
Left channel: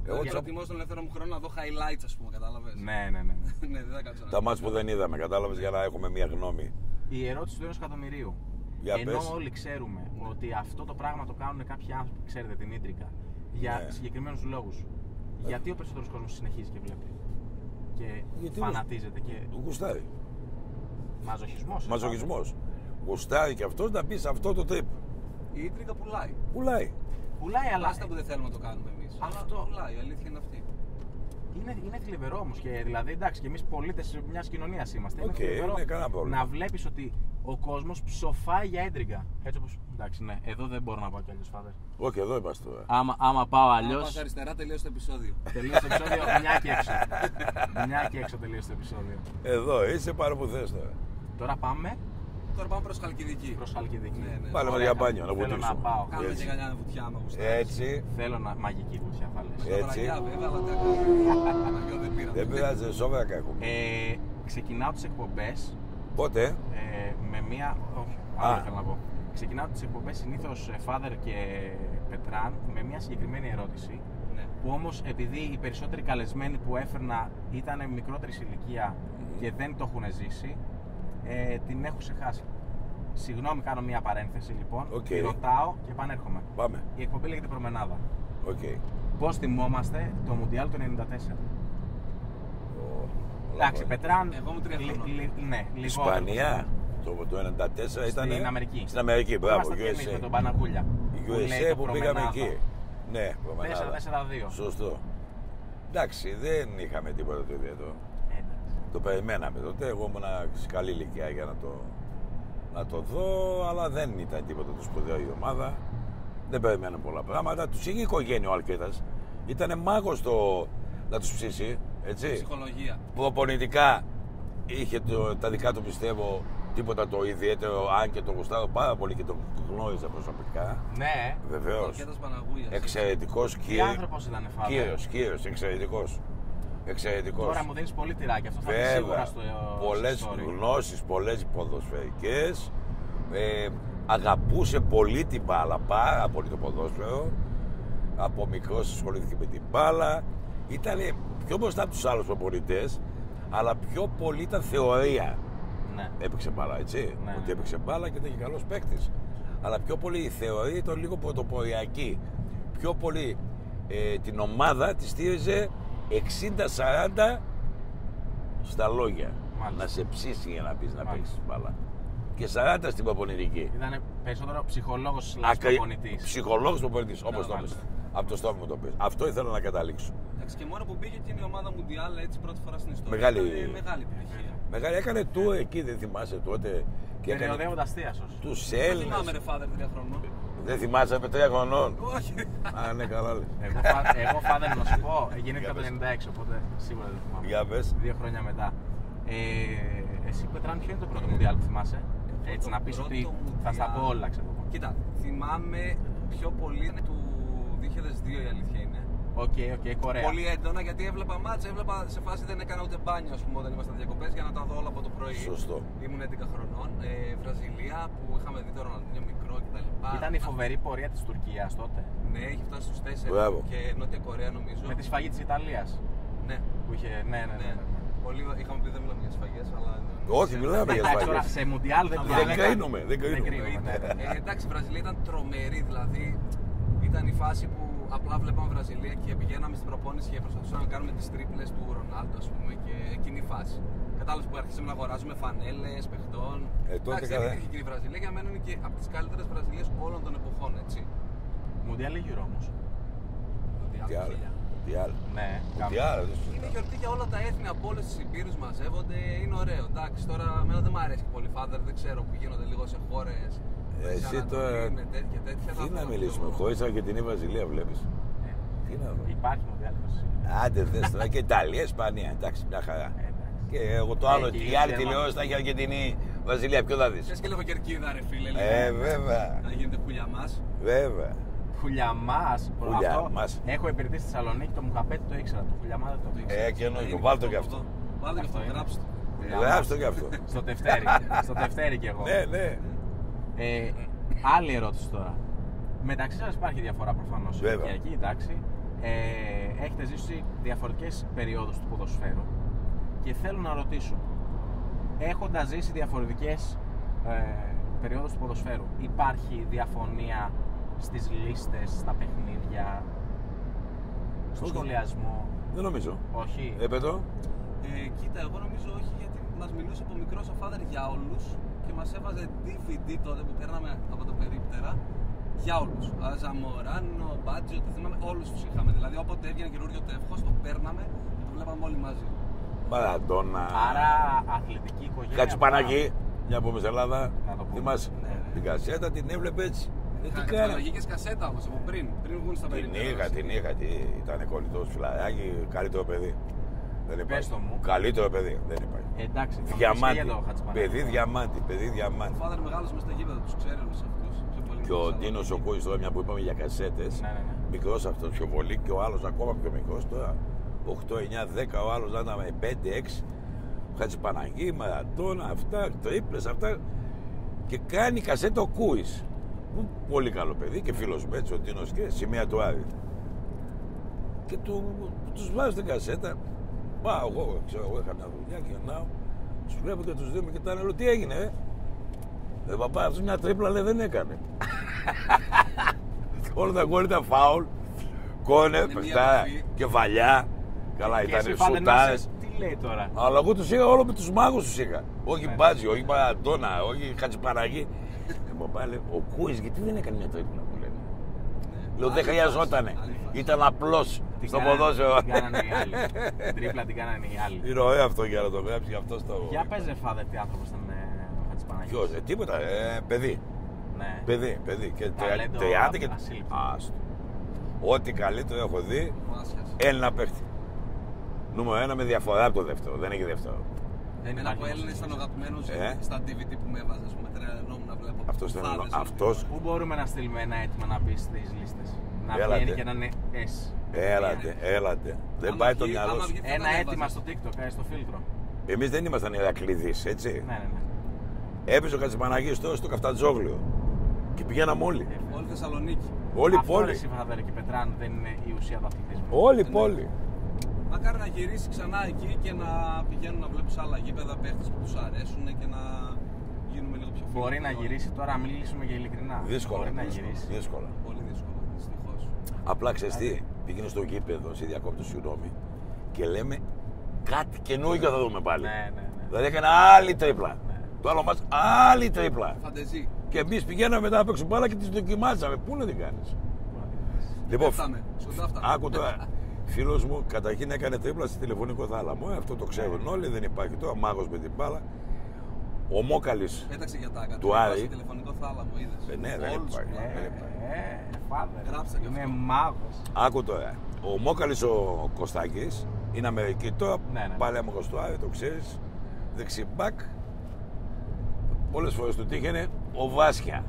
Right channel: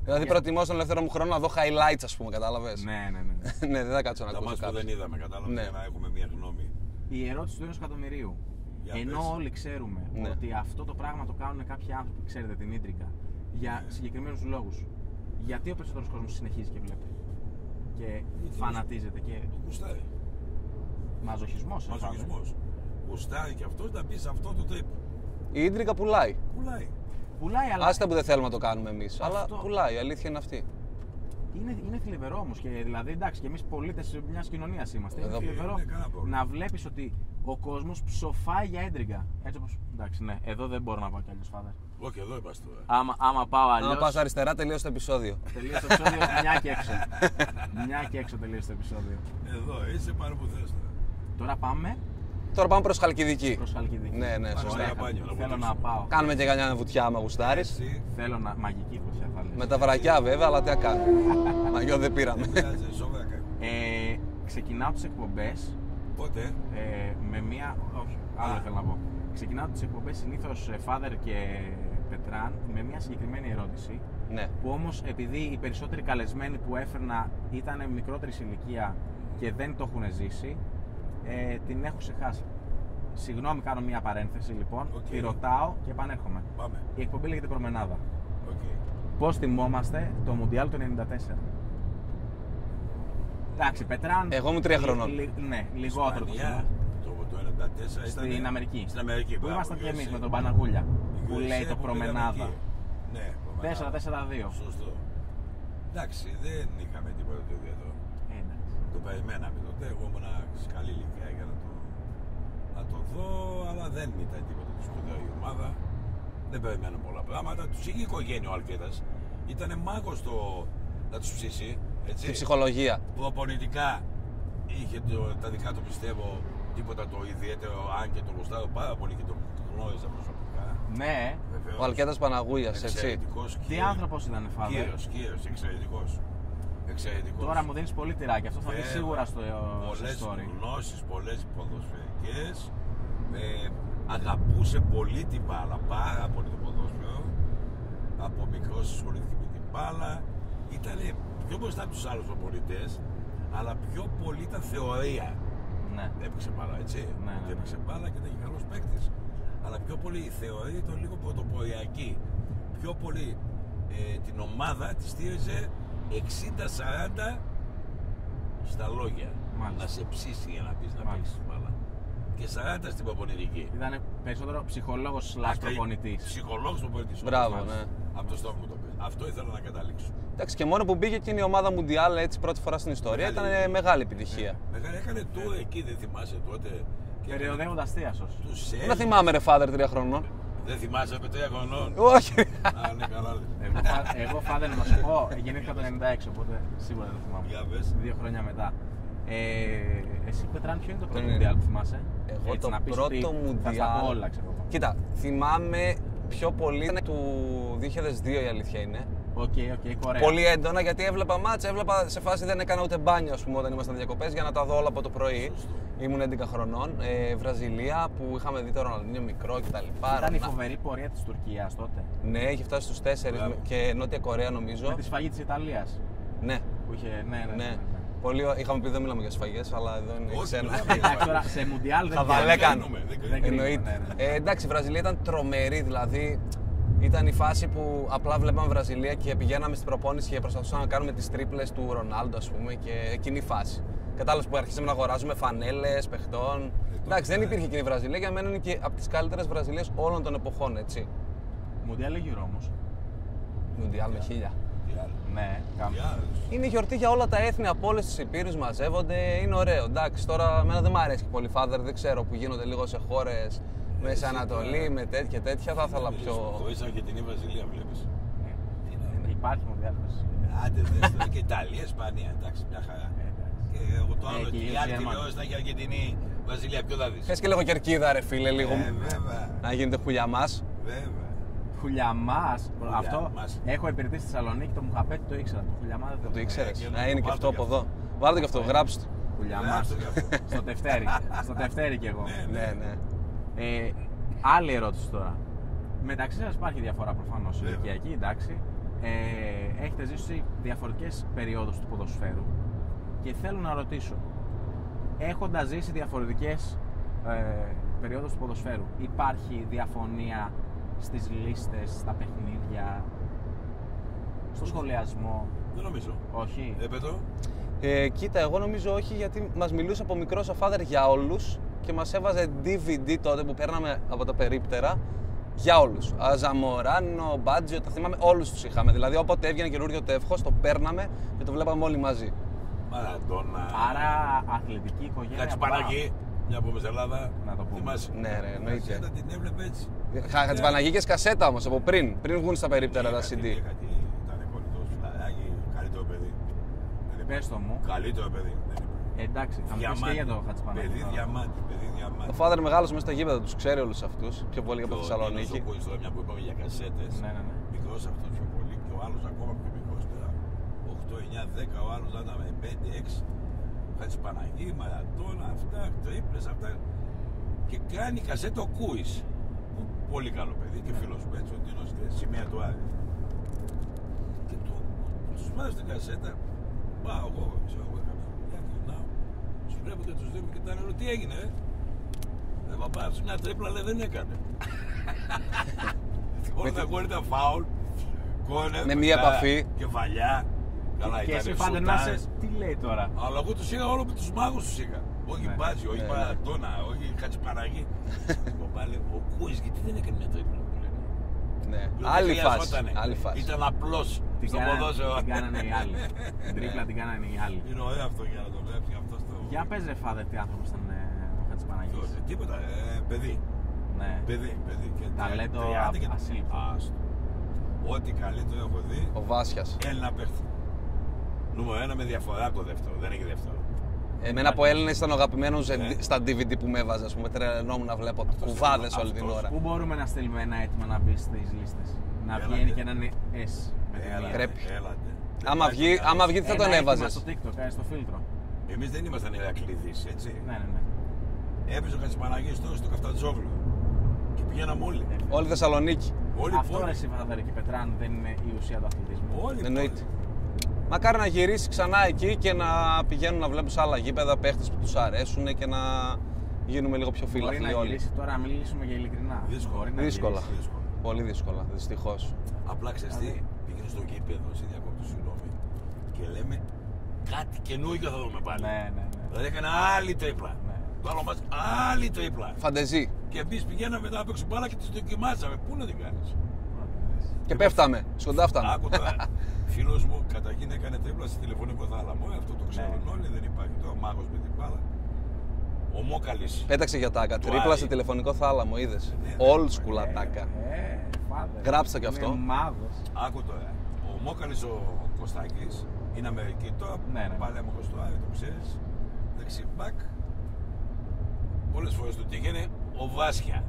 Δηλαδή προτιμώ στον ελεύθερο μου χρόνο να δω highlights, ας πούμε, κατάλαβες. Ναι. Ναι, δεν θα κάτσω να τα μάτς που δεν είδαμε, κατάλαβες, για να έχουμε μια γνώμη. Η ερώτηση του 1 εκατομμυρίου. Ενώ όλοι ξέρουμε ότι αυτό το πράγμα το κάνουν κάποιοι άνθρωποι, ξέρετε, την ίντρικα, για συγκεκριμένους λόγους. Γιατί ο περισσότερος κόσμος συνεχίζει και βλέπει και φανατίζεται και. Γουστάρει. Μαζοχισμός. Γουστάρει και αυτός να μπει σε αυτό το τρίπ. Η ίντρικα πουλάει. Πουλάει, αλλά. Άστα που δεν θέλουμε να το κάνουμε εμείς. Αλλά πουλάει, η αλήθεια είναι αυτή. Είναι θλιβερό όμως και δηλαδή εντάξει, και εμείς πολίτες μιας κοινωνίας είμαστε. Είναι θλιβερό να βλέπεις ότι ο κόσμος ψοφάει για έντριγκα. Έτσι όπως. Εντάξει, ναι, εδώ δεν μπορώ να πάω κι αλλιώς, Φάδερ. Όχι, εδώ είμαστε τώρα. Άμα πάω αλλιώς. Αν πας αριστερά, τελείωσε το επεισόδιο. Τελείωσε το επεισόδιο, μια και έξω. Μια και έξω τελείωσε το επεισόδιο. Εδώ είσαι, πάρε που θες τώρα. Τώρα πάμε προς Χαλκιδική. Ναι. Πάρε για μπάνιο, θέλω να πάω. Κάνουμε και κανένα βουτιά, άμα γουστάρεις. Θέλω να. Μαγική βουτιά θα λες. Με τα βρακιά βέβαια, αλλά τι να κάνουμε. Μαγιό δεν πήραμε. Δεν πειράζει, σόβρακα έχουμε. Ξεκινάω τις εκπομπές. Πότε? Με μία. Όχι, άλλο θέλω να πω. Ξεκινάω τις εκπομπές συνήθως Father και Πετράν με μια συγκεκριμένη ερώτηση. Ναι. Που όμως επειδή οι περισσότεροι καλεσμένοι που έφερνα ήταν μικρότερης ηλικία και δεν το έχουν ζήσει, την έχω ξεχάσει. Συγγνώμη, κάνω μια παρένθεση λοιπόν. Τη ρωτάω και επανέρχομαι. Πάμε. Η εκπομπή λέγεται Προμενάδα. Okay. Πώς θυμόμαστε το Μουντιάλ του 94? Εντάξει, Πετράν. Εγώ ήμουν 3 χρονών. Ναι, λιγότερο. Ισπανία. Το 94 ήταν. Στην Αμερική. Στην Αμερική, μπράβο. Ήμασταν και εμείς με τον Παναγούλια. Που λέει το Προμενάδα. Ναι, Προμενάδα. 4-4-2. Σωστό. Εντάξει, δεν είχαμε τίποτα το ιδιαίτερο. Το περιμέναμε τότε. Εγώ ήμουν σε καλή ηλικία για να το δω, αλλά δεν ήταν τίποτα το σπουδαίο η ομάδα. Δεν περιμένω πολλά πράγματα. Τους είχε η οικογένεια ο Αλκέτας. Ήτανε μάγος να τους ψήσει. Έτσι. Ψυχολογία. Προπονητικά είχε τα δικά του, πιστεύω, τίποτα το ιδιαίτερο, αν και το γουστάρω πάρα πολύ και το γνώριζα προσωπικά. Ναι. Βεβαίως. Ο Αλκέτας Παναγούλιας. Εξαιρετικός κύριος. Τι άνθρωπος ήταν, Φάβο. Κύριος, εξαιρετικός. Τώρα μου δίνεις πολύ τυράκι, αυτό θα είναι σίγουρα στο πολλές story. γνώσεις, πολλές ποδοσφαιρικές. Αγαπούσε πολύ την μπάλα, πάρα πολύ το ποδόσφαιρο. Από μικρός ασχολήθηκε με την μπάλα. Ήταν πιο μπροστά από τους άλλους προπονητές, αλλά πιο πολύ ήταν θεωρία. Ναι. Έπαιξε μπάλα, έτσι. Ναι. Ότι έπαιξε μπάλα και ήταν και καλός παίκτης. Αλλά πιο πολύ η θεωρία ήταν λίγο πρωτοποριακή. Πιο πολύ την ομάδα τη στήριζε 60-40 στα λόγια. Μάλιστα. Να σε ψήσει για να πεις να παίξεις μπάλα. Και 40 στην προπονητική. Ήταν περισσότερο ψυχολόγος προπονητής. Ψυχολόγος προπονητής. Μπράβο, ναι. Από το στόμα μου το πες. Αυτό ήθελα να καταλήξω. Εντάξει, και μόνο που μπήκε εκείνη η ομάδα Μουντιάλ έτσι πρώτη φορά στην ιστορία. Ήταν μεγάλη επιτυχία. Μεγάλη, έκανε tour εκεί, δεν θυμάσαι τότε. Περιοδεύοντας θείασος. Τους δεν θυμάμαι, ρε Father, 3 χρονών. Δεν θυμάσαι από 3 χρονών. Όχι. Α, ναι, καλά. Εγώ Father να σου πω, γεννήθηκα το 96, οπότε σίγουρα δεν θυμάμαι. Για πες. 2 χρόνια μετά. Εσύ, Πετράν, ποιο είναι το πρώτο Μουντιάλ που θυμάσαι? Έτσι να πεις ότι θα στα πω όλα, ξέρω. Κοίτα, θυμάμαι πιο πολύ ήταν του 2002, η αλήθεια είναι. Οκ, Κορέα. Πολύ έντονα, γιατί έβλεπα μάτς, έβλεπα σε φάση δεν έκανα ούτε μπάνιο, ας πούμε, όταν ήμασταν διακοπές για να τα δω όλα από το πρωί. Σωστό. Ήμουν 11 χρονών. Βραζιλία που είχαμε δει το Ροναλντίνιο μικρό κτλ. Ήταν η φοβερή πορεία της Τουρκίας τότε. Ναι, είχε φτάσει στους 4. Μπράβο. Και Νότια Κορέα νομίζω. Με τη σφαγή της Ιταλίας. Ναι. Που είχε, ναι. Πολύ, είχαμε πει δεν μιλάμε για σφαγές, αλλά εδώ είναι. Όχι, μιλάμε για σφαγές. Τώρα σε Μουντιάλ δεν κρίνουμε. Εντάξει, η Βραζιλία ήταν τρομερή, δηλαδή Ήταν η φάση που απλά βλέπαμε Βραζιλία και πηγαίναμε στην προπόνηση και προσπαθούσαμε να κάνουμε τις τρίπλες του Ρονάλντο, ας πούμε, και εκείνη η φάση. Κατάλαβες που αρχίσαμε να αγοράζουμε φανέλες παιχτών. Εντάξει, δεν υπήρχε εκείνη η Βραζιλία, για μένα είναι και από τις καλύτερες Βραζιλίες όλων των εποχών, έτσι. Μουντιάλ ή Euro όμως? Μουντιάλ 1000. Ναι, Είναι γιορτή για όλα τα έθνη από όλες τις υπήρους, μαζεύονται, είναι ωραίο. Εντάξει, τώρα εμένα δεν μου αρέσει και πολύ Father, δεν ξέρω, που γίνονται λίγο σε χώρες Μέση Ανατολή με τέτοια. Θα ήθελα πιο. Χωρίς Αργεντινή Βραζιλία βλέπεις. Υπάρχει Μουντιάλ. Άντε δες τώρα και Ιταλία, Ισπανία, εντάξει, μια χαρά. Και εγώ το άλλο, η άλλη τηλεόραση θα έχει Αργεντινή Βραζιλία, ποιο θα δεις? Θες και λίγο κερκίδα, ρε φίλε, λίγο. Βέβαια. Να γίνεται χουλιαμάς. Βέβαια. Χουλιαμάς. Αυτό έχω υπηρετήσει στη Θεσσαλονίκη, το Μουχαπέτι το ήξερα. Το Χουλιαμάς δεν το ήξερα. Είναι και αυτό από εδώ. Βάλτε και αυτό, γράψτε. Γράψτε και αυτό. Στο τευτέρι κι εγώ. Ναι. Άλλη ερώτηση τώρα. Μεταξύ σας υπάρχει διαφορά προφανώς ηλικιακή, εντάξει. Έχετε ζήσει διαφορετικές περιόδους του ποδοσφαίρου και θέλω να ρωτήσω, έχοντας ζήσει διαφορετικές περιόδους του ποδοσφαίρου, υπάρχει διαφωνία στις λίστες, στα παιχνίδια, στο σχολιασμό? Δεν νομίζω. Όχι. Έπετο. Κοίτα, εγώ νομίζω όχι, γιατί μας μιλούσε από μικρός ο Father για όλους και μας έβαζε DVD τότε που παίρναμε από τα περίπτερα για όλους. Ζαμοράνο, Μπάτζιο, τα θυμάμαι, όλους τους είχαμε. Δηλαδή, όποτε έβγαινε καινούριο τεύχος, το παίρναμε και το βλέπαμε όλοι μαζί. Μαραντόνα. Άρα αθλητική οικογένεια. Κατσουπανακή, μια από Ελλάδα. Να το πούμε. Θυμάσαι. Ναι. Την κασέτα την έβλεπε έτσι. Χατζηπαναγίκες κασέτα όμως από πριν βγουν στα περίπτερα τα CD. Ήταν κολλητός φιλαράκι, καλύτερο παιδί. Δεν Πες το μου. Καλύτερο παιδί, δεν υπάρχει. Εντάξει, θα μου πεις και Διαμάτι. για το Χατζηπανάκη. Παιδί διαμάτι, παιδί διαμάτι. Ο Father μεγάλος μέσα στα γήπεδα, τους ξέρει όλους αυτούς. Πιο πολύ από Και τη ο Τίνος ο Θεσσαλονίκη. Κούης τώρα, μια που είπαμε για κασέτες. Ναι. Μικρός αυτός πιο πολύ και ο άλλος ακόμα πιο μικρός τώρα. 8, 9, 10, ο άλλος να ήταν με 5, 6. Χατζηπαναγή, Μαραντόνα, αυτά, τρίπλες, αυτά. Και κάνει κασέτα ο Κούης. Πολύ καλό παιδί και φίλος μου έτσι, ο Τίνος και σημεία του Άρη. Και τους βάζει την κασέτα. Μα εγώ ξέρω, εγώ έκανα δουλειά και να τους βλέπω και τους δύο με κοιτάνε, λέω τι έγινε, παπά, αυτός μια τρίπλα λέει δεν έκανε. Όλα τα γκολ ήταν φάουλ, κόνε, Με μία επαφή. κεφαλιά. Καλά, Και ήταν εσύ Φάντερ να σουτάρες. σε- τι λέει τώρα? Αλλά εγώ τους είχα όλο με τους μάγους τους είχα. Όχι Ναι. Μπάτζι, όχι Μαραντόνα, όχι Χατζηπαναγή. Παπά λέει, ο Κούης γιατί δεν έκανε μια τρίπλα που λένε. Ναι. Λέω δεν Άλλη χρειαζότανε. φάση, άλλη φάση. Ήταν απλός Την στο κάνανε- ποδόσφαιρο. Την κάνανε οι άλλοι. Την τρίπλα την κάνανε οι άλλοι. Είναι ωραίο αυτό για να το γράψει, γι' αυτό στο. Για πες ρε Φάδερ, τι άνθρωπος ήταν ο Χατζηπανάκης. Ποιος, τίποτα, παιδί. Ναι. Παιδί. Και Ταλέντο 30 και. ασύλληπτο. Άστο. Ό,τι καλύτερο έχω δει, Ο Βάσιας. Έλληνα παίχτη. Νούμερο 1 με διαφορά από το δεύτερο. Δεν έχει δεύτερο. Εμένα από Έλληνες ήταν ο αγαπημένος στα DVD που με έβαζε, ας πούμε, τρελαινόμουν να βλέπω Αυτός κουβάδες ήταν όλη την αυτός. ώρα. Πού μπορούμε να στείλουμε ένα αίτημα να μπει στις λίστες? Να Έλατε. βγαίνει και να είναι S. Έλατε. Δεν Άμα πάει το βγει, μυαλό άμα σου. βγει τι θα Ένα τον αίτημα έβαζες. στο TikTok, στο φίλτρο. Εμείς δεν ήμασταν Ηρακλήδης, έτσι. Ναι. Έπαιζε ο Χατζηπαναγής τώρα στο Καφτατζόγλιο. Και πηγαίναμε όλοι. Όλη η Θεσσαλονίκη. Όλη η Αυτό ρε πόλη. εσύ Φάδερ και Πετράν δεν είναι η ουσία του αθλητισμού? Όλη η Εννοείται. πόλη. Μακάρι να γυρίσει ξανά εκεί και να πηγαίνουν να βλέπουν σε άλλα γήπεδα παίχτες που τους αρέσουν και να γίνουμε λίγο πιο φίλοι. Μπορεί να γυρίσει τώρα, να μιλήσουμε για ειλικρινά. Δύσκολα. Μπορεί να Δύσκολα. γυρίσει. Δύσκολα. Πολύ δύσκολα, δυστυχώς. Απλά ξέρεις τι, πήγαινε στο γήπεδο, σε διακόπτω συγγνώμη, και λέμε κάτι καινούργιο θα δούμε πάλι. Ναι. Δηλαδή έκανε άλλη τρίπλα. Το άλλο μας άλλη τρίπλα. Φαντεζή. Και εμείς πηγαίναμε μετά από έξω μπάλα και τις δοκιμάσαμε. Πού να την κάνεις. Και πέφταμε, σκοντάφταμε. Άκου τώρα. Φίλος μου καταρχήν έκανε τρίπλα στη τηλεφωνικό θάλαμο. Αυτό το ξέρουν όλοι, δεν υπάρχει τώρα. Μάγος με την μπάλα. Ο Μόκαλης. Πέταξε για τάκα. Του Τρίπλα Άρη. σε τηλεφωνικό θάλαμο, είδες. Ναι, Old δεν school υπάρχει. ατάκα. Φάδερ. Γράψτε κι Είναι αυτό. μάγος. Άκου τώρα. Ο Μόκαλης ο Κωστάκης είναι Αμερική τώρα. Ναι. Πάλι άμαχος του Άρη, το ξέρεις. Δεξιμπάκ. Πολλές φορές του τύχαινε ο Βάσια.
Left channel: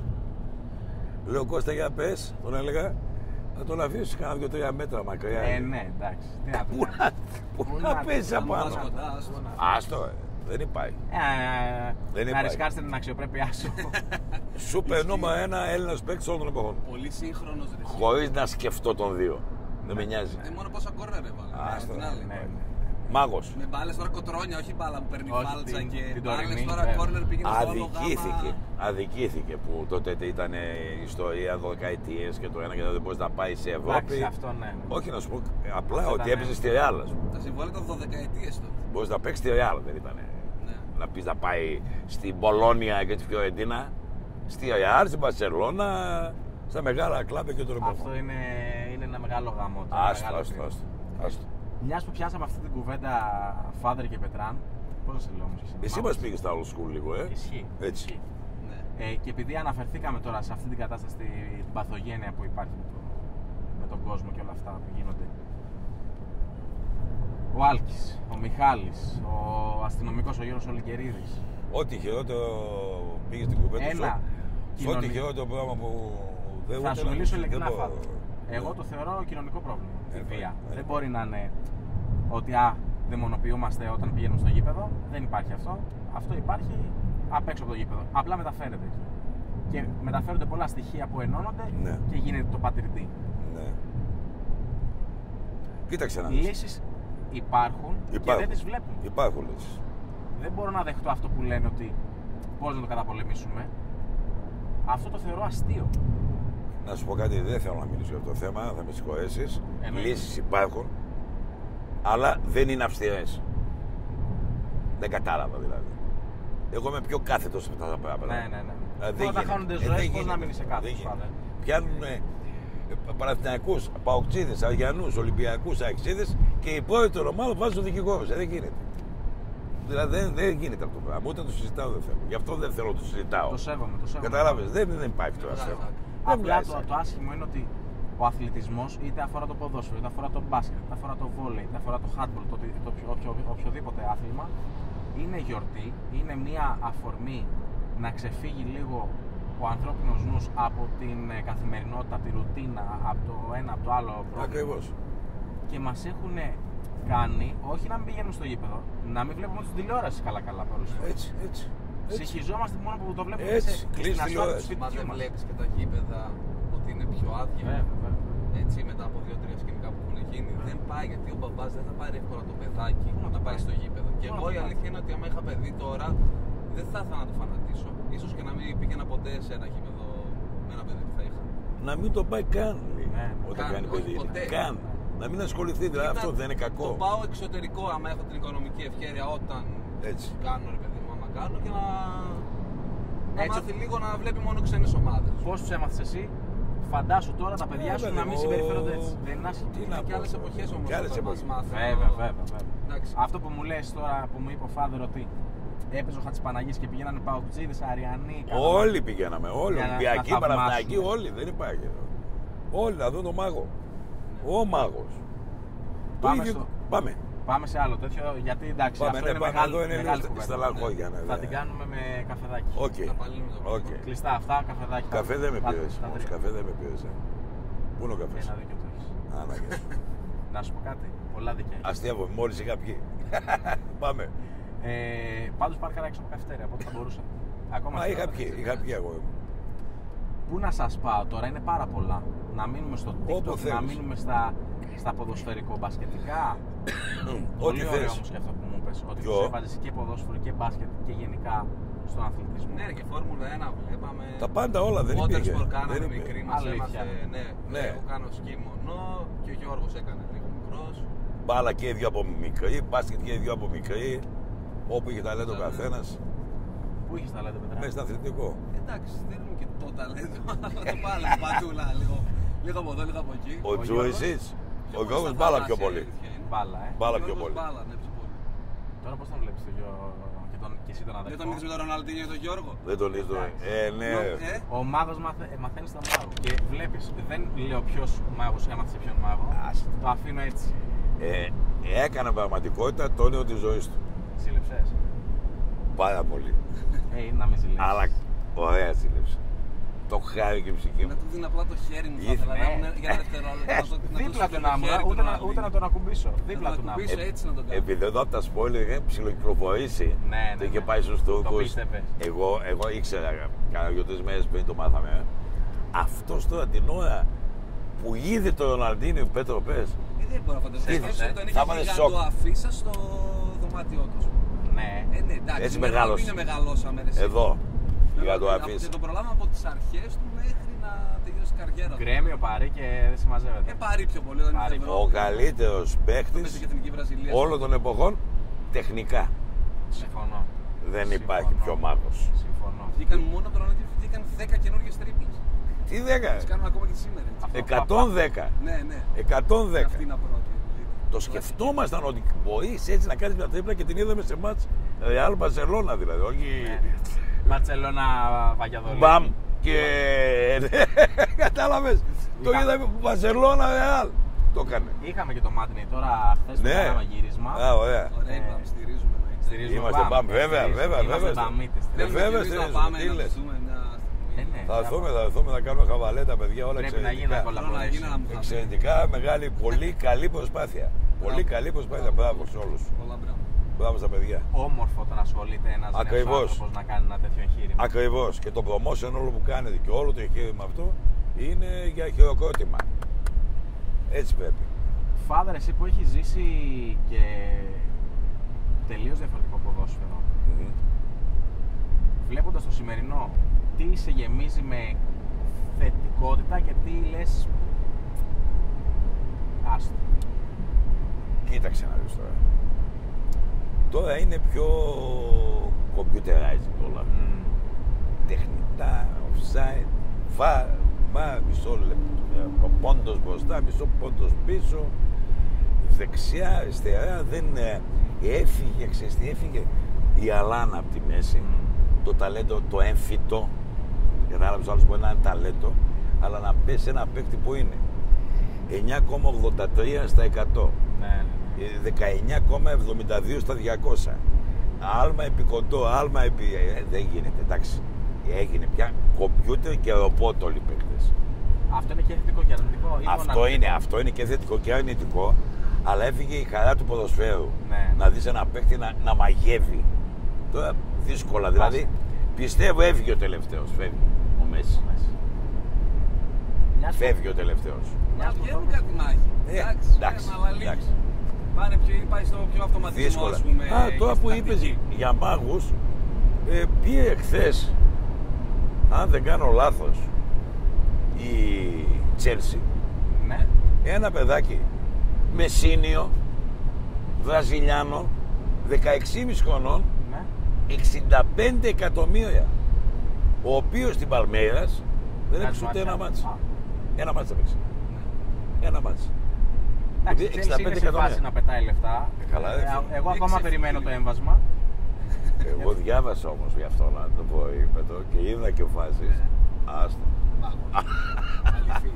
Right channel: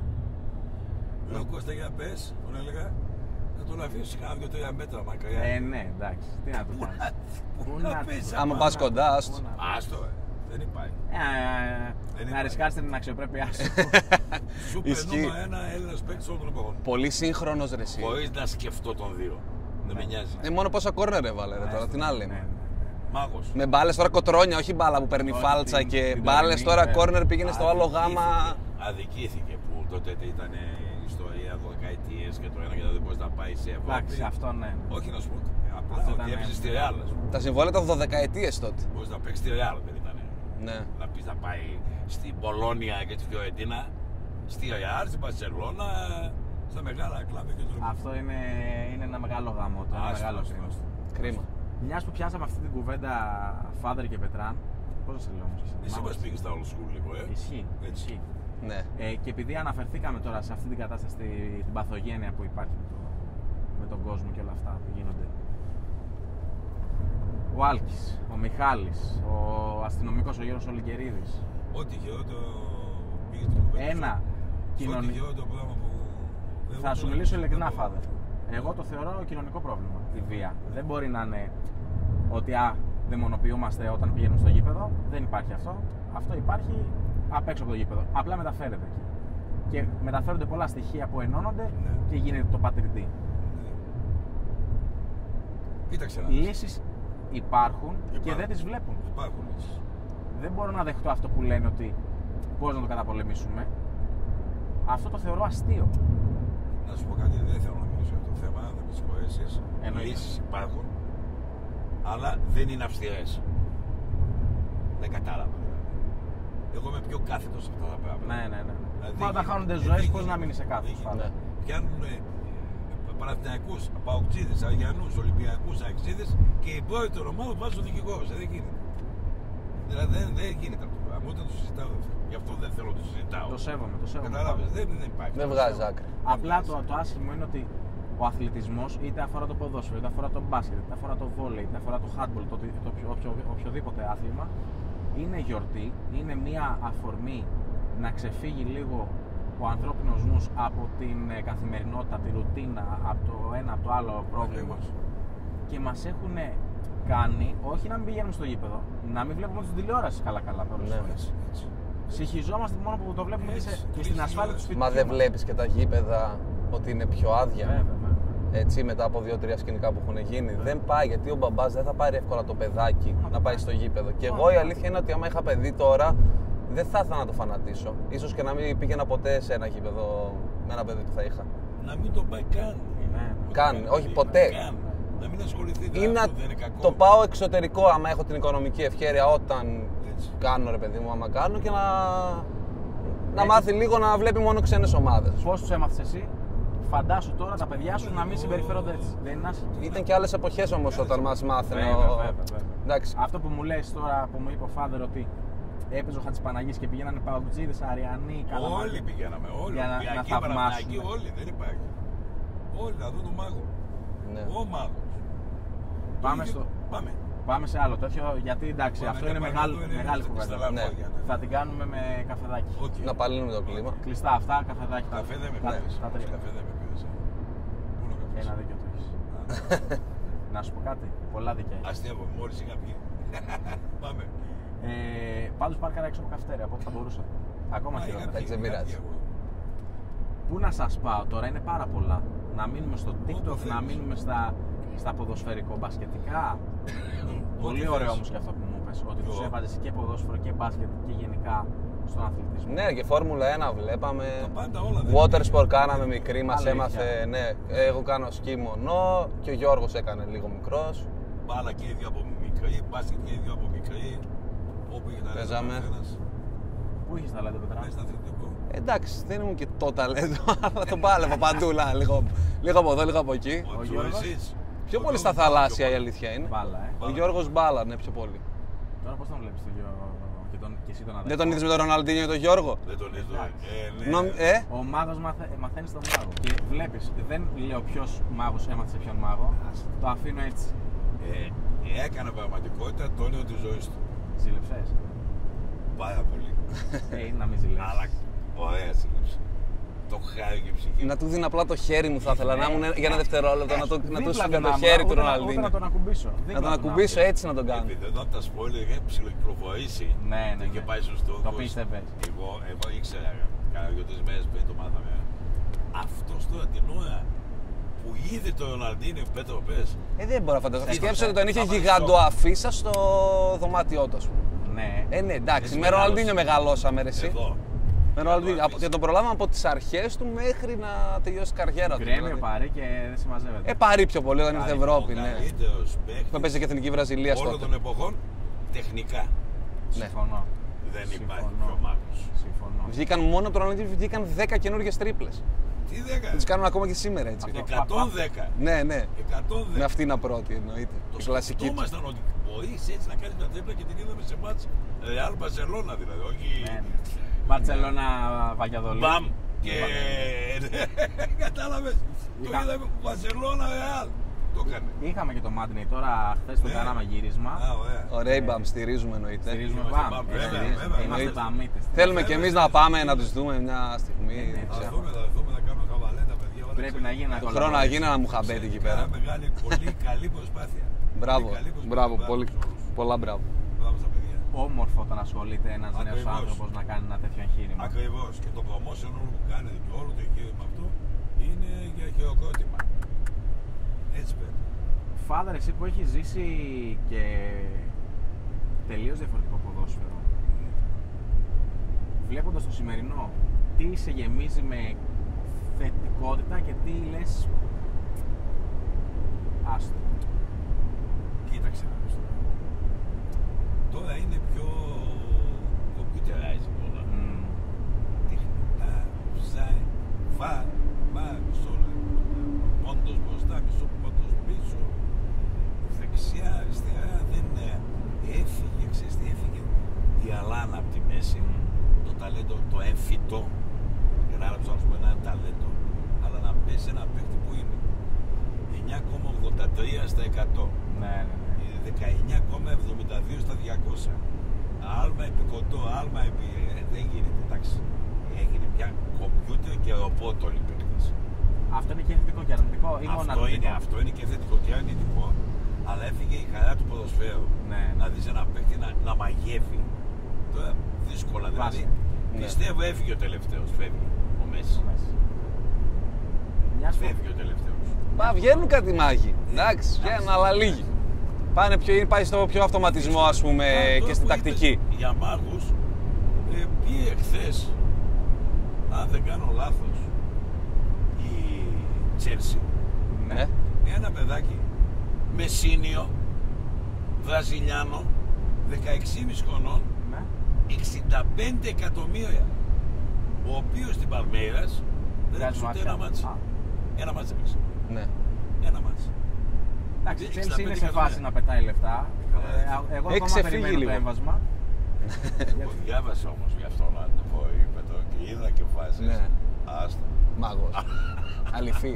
Λέω Κώστα για πες, τον έλεγα. Θα τον αφήσεις κάνα 2-3 μέτρα μακριά. Ναι, εντάξει. Τι να το κάνεις. Πού να πες Άμα πας κοντά, άστο. Άστο, δεν υπάρχει. Δεν Να υπάρχει. ρισκάρετε την αξιοπρέπειά σου. Σούπερ Ισχύει. νούμερο 1 Έλληνας παίκτης όλων των εποχών. Πολύ σύγχρονος ρε εσύ. Χωρίς να σκεφτώ τον δύο. Δεν με νοιάζει. Μόνο πόσα κόρνερ έβαλε, τώρα Άστο, την άλλη. ναι. Μάγος. Με μπάλες τώρα κοτρόνια, όχι μπάλα που παίρνει Όχι, φάλτσα την και τωρινή, μπάλες τώρα ναι. κόρνερ πήγαινε στο άλλο γάμα. Αδικήθηκε που τότε ήταν ιστορία 12 και το ένα και το δεν μπορεί να πάει σε Ευρώπη. Εντάξει, αυτό ναι. Όχι να σου πω απλά Αυτό ότι ήταν, έπαιζε στη Ρεάλ. Τα συμβόλαια ήταν 12 τότε. Μπορεί να παίξει στη Ρεάλ, δεν ήταν. Ναι. Να πει να πάει στην Πολώνια και τη Φιωρεντίνα, στη Ρεάλ, στην Μπαρσελόνα, στα μεγάλα κλαμπ και το ρεπό. Αυτό είναι ένα μεγάλο γάμο. Άστο. Κρίμα. Μια που πιάσαμε αυτή την κουβέντα Φάδερ και Πετράν, πώς να σε λέω όμως. Εσύ μας πήγες στα old school λίγο, Ισχύει. Έτσι. Ισχύει. Ναι. Και επειδή αναφερθήκαμε τώρα σε αυτή την κατάσταση, την παθογένεια που υπάρχει με τον κόσμο και όλα αυτά που γίνονται. Ο Άλκης, ο Μιχάλης, ο αστυνομικός ο Γιώργος Ολυγκερίδης. Ό,τι χειρότερο πήγες στην κουβέντα σου. Ό,τι χειρότερο πράγμα που δεν Θα σου το- μιλήσω δεν ειλικρινά, το- Φάδερ. Εγώ το θεωρώ κοινωνικό πρόβλημα. Η βία. Ναι. Δεν μπορεί να είναι ότι δαιμονοποιούμαστε όταν πηγαίνουμε στο γήπεδο. Δεν υπάρχει αυτό. Αυτό υπάρχει απ' έξω από το γήπεδο. Απλά μεταφέρεται εκεί. Και μεταφέρονται πολλά στοιχεία που ενώνονται Ναι. και γίνεται το πατριδί. Ναι. Κοίταξε να δεις. Λύσεις υπάρχουν και δεν τις βλέπουν. Υπάρχουν λύσεις. Δεν μπορώ να δεχτώ αυτό που λένε ότι πώς να το καταπολεμήσουμε. Αυτό το θεωρώ αστείο. Να σου πω κάτι, δεν θέλω να μιλήσω για αυτό το θέμα, θα με συγχωρέσεις. Εννοείται. Λύσεις υπάρχουν, αλλά δεν είναι αυστηρές. Δεν κατάλαβα δηλαδή. Εγώ είμαι πιο κάθετος σε αυτά τα πράγματα. Ναι. Δηλαδή, Τώρα τα δεν χάνονται γίνεται. ζωές, Δεν πώς να γίνεται. μείνει σε Δεν κάθετος. γίνεται. Φάδερ. Πιάνουν Παναθηναϊκούς, Παοκτζίδες, Αριανούς, Ολυμπιακούς, Αεξίδες και οι πρώτοι των ομάδων βάζουν τον δικηγόρο. Δεν γίνεται. Δηλαδή δεν γίνεται αυτό το πράγμα. Ούτε το συζητάω δεν θέλω. Γι' αυτό δεν θέλω να το συζητάω. Το σέβομαι. Κατάλαβες, δεν υπάρχει. Δεν αυτό. βγάζει άκρη. Απλά βγάζει. το άσχημο είναι ότι ο αθλητισμός είτε αφορά το ποδόσφαιρο, είτε αφορά το μπάσκετ, είτε αφορά το βόλεϊ, είτε αφορά το handball, οποιοδήποτε άθλημα, είναι γιορτή, είναι μια αφορμή να ξεφύγει λίγο ο ανθρώπινος νους από την καθημερινότητα, από τη ρουτίνα, από το ένα, από το άλλο πρόβλημα. Ακριβώς. Και μας έχουν κάνει, όχι να μην πηγαίνουμε στο γήπεδο, να μην βλέπουμε την τηλεόραση καλά-καλά. Έτσι. Συγχυζόμαστε μόνο που το βλέπουμε Έτσι, και στην κλείσει ασφάλεια του τηλεόραση. σπιτιού Μα δεν μας. βλέπεις και τα γήπεδα ότι είναι πιο άδεια. Βέβαια. Έτσι, μετά από 2-3 σκηνικά που έχουν γίνει. Δεν πάει γιατί ο μπαμπάς δεν θα πάρει εύκολα το παιδάκι να πάει στο γήπεδο. Και εγώ η αλήθεια είναι ότι άμα είχα παιδί τώρα, δεν θα ήθελα να το φανατίσω. Ίσως και να μην πήγαινα ποτέ σε ένα γήπεδο με ένα παιδί που θα είχα. Να μην το πάει καν. Ναι. Όταν Καν, είναι όχι παιδί. ποτέ. Καν. Να μην ασχοληθεί, Ή δηλαδή να αυτό δεν είναι κακό. το πάω εξωτερικό άμα έχω την οικονομική ευχέρεια όταν Έτσι. κάνω ρε παιδί μου, άμα κάνω και να Έτσι. μάθει λίγο να βλέπει μόνο ξένες ομάδες. Πώς τους έμαθες εσύ, φαντάσου τώρα τα παιδιά σου να μην συμπεριφέρονται έτσι. Δεν είναι άσχημο. Ήταν και άλλες εποχές όμως Και άλλες όταν μας εποχές. μάθαινε. Βέβαια. Εντάξει. Αυτό που μου λες τώρα που μου είπε ο Φάδερ ότι έπαιζε ο Χατζηπαναγής και πηγαίνανε Παουτζίδες, Αριανοί, Όλοι πηγαίναμε, όλοι. Για να Ολυμπιακοί, θαυμάσουμε. Παναθηναϊκοί, όλοι. Δεν υπάρχει. Όλοι να δουν τον μάγο. Ναι. Ο μάγος. Πάμε Το ίδιο- στο- Πάμε. Πάμε σε άλλο τέτοιο, γιατί εντάξει, Πάμε, αυτό ναι, είναι πάμε, μεγάλη, εδώ είναι μεγάλη στα κουβέντα. λαγόγια, ναι, Θα ναι. την κάνουμε με καφεδάκι. Οκ. Να παλύνουμε το κλίμα. Οκ. Κλειστά αυτά, καφεδάκι. Καφέ δεν με πήρες. Τα τρία. Καφέ δεν με πήρες. Πού είναι ο καφές? Ένα δίκιο το έχεις. Α, ναι. Να σου πω κάτι, πολλά δίκαια έχεις. Αστείευομαι, μόλις είχα βγει. Πάμε. Πάντως πάρκαρα έξω από καφετέρια, από ό,τι θα μπορούσα. Ακόμα Μα στην είχα ώρα. βγει, δεν είχα πειράζει. βγει εγώ. Πού να σας πάω τώρα, είναι πάρα πολλά. Να μείνουμε στο Όπου TikTok, να θέλεις. μείνουμε στα ποδοσφαιρικό μπασκετικά. Πολύ Ό,τι ωραίο θες. όμως και αυτό που μου είπες, ότι Ποιο? τους έβαζες και ποδόσφαιρο και μπάσκετ και γενικά στον αθλητισμό. Ναι, και Φόρμουλα 1 βλέπαμε. Τα πάντα όλα δεν Water υπήρχε. sport κάναμε Δεν μικρή, υπήρχε. μας Αλήθεια. έμαθε. Ναι, εγώ κάνω σκι μονό και ο Γιώργος έκανε λίγο μικρός. Μπάλα και οι δύο από μικρή, μπάσκετ και οι δύο από μικρή. Όπου είχε ταλέντο ο Παίζαμε. καθένας. Πού είχες τα λέτε Μέσα μετά. στο αθλητικό. Εντάξει, δεν ήμουν και το ταλέντο, αλλά το πάλευα παντού, λίγο από εδώ, λίγο από εκεί. Ο Τζο Γιώργος. εσείς. Πιο Ο πολύ στα Γιώργος μπάλα πιο θαλάσσια η πολύ. αλήθεια είναι. Μπάλα, Ο Μπάλα πιο Γιώργος πολύ. μπάλα, ναι, πιο πολύ. Τώρα πώς τον βλέπεις τον Γιώργο και εσύ τον αδερφό. Δεν τον είδες με τον Ροναλντίνιο και τον Γιώργο. Δεν τον είδω. Ναι. Ο μάγος μαθαίνει τον μάγο. Και βλέπεις, δεν λέω ποιος μάγος έμαθε σε ποιον μάγο. Το αφήνω έτσι. Έκανε πραγματικότητα το όνειρο της ζωής του. Ζήλεψες. Πάρα πολύ. Να μην ζηλέψεις. Αλλά ωραία σύλληψη. Το χάρη και η ψυχή Να μου. του δίνω απλά το χέρι μου, θα ήθελα να ήμουν για ένα δευτερόλεπτο να του Δίπλα στείλω του το να χέρι ήμουν, του ούτε να Ροναλντίνιο. τον ακουμπήσω. Να Δίπλα τον του να ακουμπήσω έτσι να τον κάνω. Επειδή εδώ από τα σπόλια είχε ψιλοκυκλοφορήσει Ναι, το είχε πάει στους Το Τούρκους. πίστευες. Εγώ ήξερα, κάνα 2-3 μέρες πριν το μάθαμε. Αυτός τώρα την ώρα που είδε το Ροναλντίνιο Πέτρο πες. Δεν μπορώ να φανταστώ. Σκέψτε ότι τον είχε Άμα είναι γιγάντο αφίσα στο δωμάτιό του. Ναι. Ναι, εντάξει. Έτσι Με μεγάλωσε. Ροναλντίνιο μεγαλώσαμε ρε εσύ. Εδώ. Με Ροναλντίνιο. Γιγάντο αφίσα. Και τον προλάβαμε από τις αρχές του μέχρι να τελειώσει η καριέρα του. Γκρέμιο δηλαδή. Παρί και δεν συμμαζεύεται. Παρί πιο πολύ όταν ήρθε Παρί. Ευρώπη. Ο καλύτερος Το παίζει παίκτης και εθνική Βραζιλία. όλων των εποχών τεχνικά. Συμφωνώ. Δεν Συμφωνώ. υπάρχει πιο μάγος. Συμφωνώ. Βγήκαν μόνο από τον Ροναλντίνιο, βγήκαν 10 καινούργιες τρίπλες. Τι 10. Τις κάνουν ακόμα και σήμερα έτσι. Αυτό. 110. Ναι, ναι. 110. Με αυτή είναι πρώτη εννοείται. Το κλασική του. σκεφτόμασταν ότι μπορείς έτσι να κάνεις μια τρίπλα και την είδαμε σε μάτς Real Barcelona δηλαδή. Όχι. Ναι. Μπαρτσελώνα Βαγιαδολίδη. Μπαμ και. Κατάλαβες. Το Είχα- είδαμε Barcelona Real. Το έκανε. Είχαμε και το Μάντνεϊ τώρα χθες το Ναι. κάναμε γύρισμα. Α, ωραία. Ωραία, η Μπαμ, στηρίζουμε εννοείται. Στηρίζουμε Είμαστε Μπαμ. Μπαμ, βέβαια, βέβαια, Είμαστε βέβαια. Μπαμίτες. Θέλουμε κι Βέβαια, εμείς ναι, να πάμε τι να λες. τους δούμε μια στιγμή. Ναι. Θα έρθουμε να κάνουμε χαβαλέτα, παιδιά. Όλα Πρέπει να εξαιρετικά. γίνει ένα Χρόνο να γίνει ένα μουχαμπέρι. Εξαιρετικά μεγάλη, πολύ καλή προσπάθεια. Πολύ καλή προσπάθεια. Μπράβο, Μπράβο πολύ. σε όλους. Πολλά μπράβο. Μπράβο στα παιδιά. Όμορφο όταν ασχολείται ένας νέος Ακριβώς. άνθρωπος να κάνει ένα τέτοιο εγχείρημα. Ακριβώς. Και το promotion όλο που κάνετε και όλο το εγχείρημα αυτό είναι για χειροκρότημα. Έτσι πρέπει. Φάδερ, εσύ που έχεις ζήσει και τελείως διαφορετικό ποδόσφαιρο, βλέποντας το σημερινό, τι σε γεμίζει με θετικότητα και τι λες άστο. Κοίταξε να δεις τώρα. Τώρα είναι πιο computerized όλα. Τεχνητά, offside, βαρ, μισό λεπτό, πόντος μπροστά, μισό πόντος πίσω, δεξιά, αριστερά, δεν έφυγε, ξέρεις τι έφυγε, η Αλάνα από τη μέση, το ταλέντο, το έμφυτο, κατάλαβες άλλος που είναι ένα ταλέντο, αλλά να πέσει ένα παίκτη που είναι 9,83 στα 100. Ναι. 19,72 στα 200. Άλμα επί κοντό, άλμα επί. Δεν γίνεται, εντάξει. Έγινε πια κομπιούτερ και ρομπότ όλοι οι παίκτες. Αυτό είναι και θετικό και αρνητικό ή μόνο αρνητικό? Αυτό είναι και θετικό και αρνητικό, αλλά έφυγε η χαρά του ποδοσφαίρου. Ναι. Να δεις ένα παίκτη να μαγεύει. Τώρα δύσκολα, δηλαδή πιστεύω έφυγε ο τελευταίος, φεύγει ο Μέση. Μιας Φεύγει ο τελευταίος. Μα βγαίνουν κάτι μάγοι. Εντάξει, βγαίνουν, αλλά λίγοι. Πάει στο πιο αυτοματισμό, Δύσκολα. ας πούμε, Τώρα και στην που είπες τακτική. για μάγους, πήγε χθες, αν δεν κάνω λάθος, η Chelsea, Ναι. ένα παιδάκι μεσίνιο, Βραζιλιάνο, 16,5 χρονών, Ναι. 65 εκατομμύρια, ο οποίος στην Παλμέρας δεν Βγάζει έπαιξε ούτε μάτια. ένα μάτς. Α. Ένα μάτς έπαιξε. Ναι. Ένα μάτς. Εντάξει, η 65 Chelsea είναι σε εκατομμύρια. φάση να πετάει λεφτά. Καλά, Εγώ ακόμα ξεφύγει περιμένω το λίγο. έμβασμα. Εγώ διάβασα όμως γι' αυτό να το πω, είπα και είδα και φάσεις. Ναι. Άστα. Μάγος. Αληθή.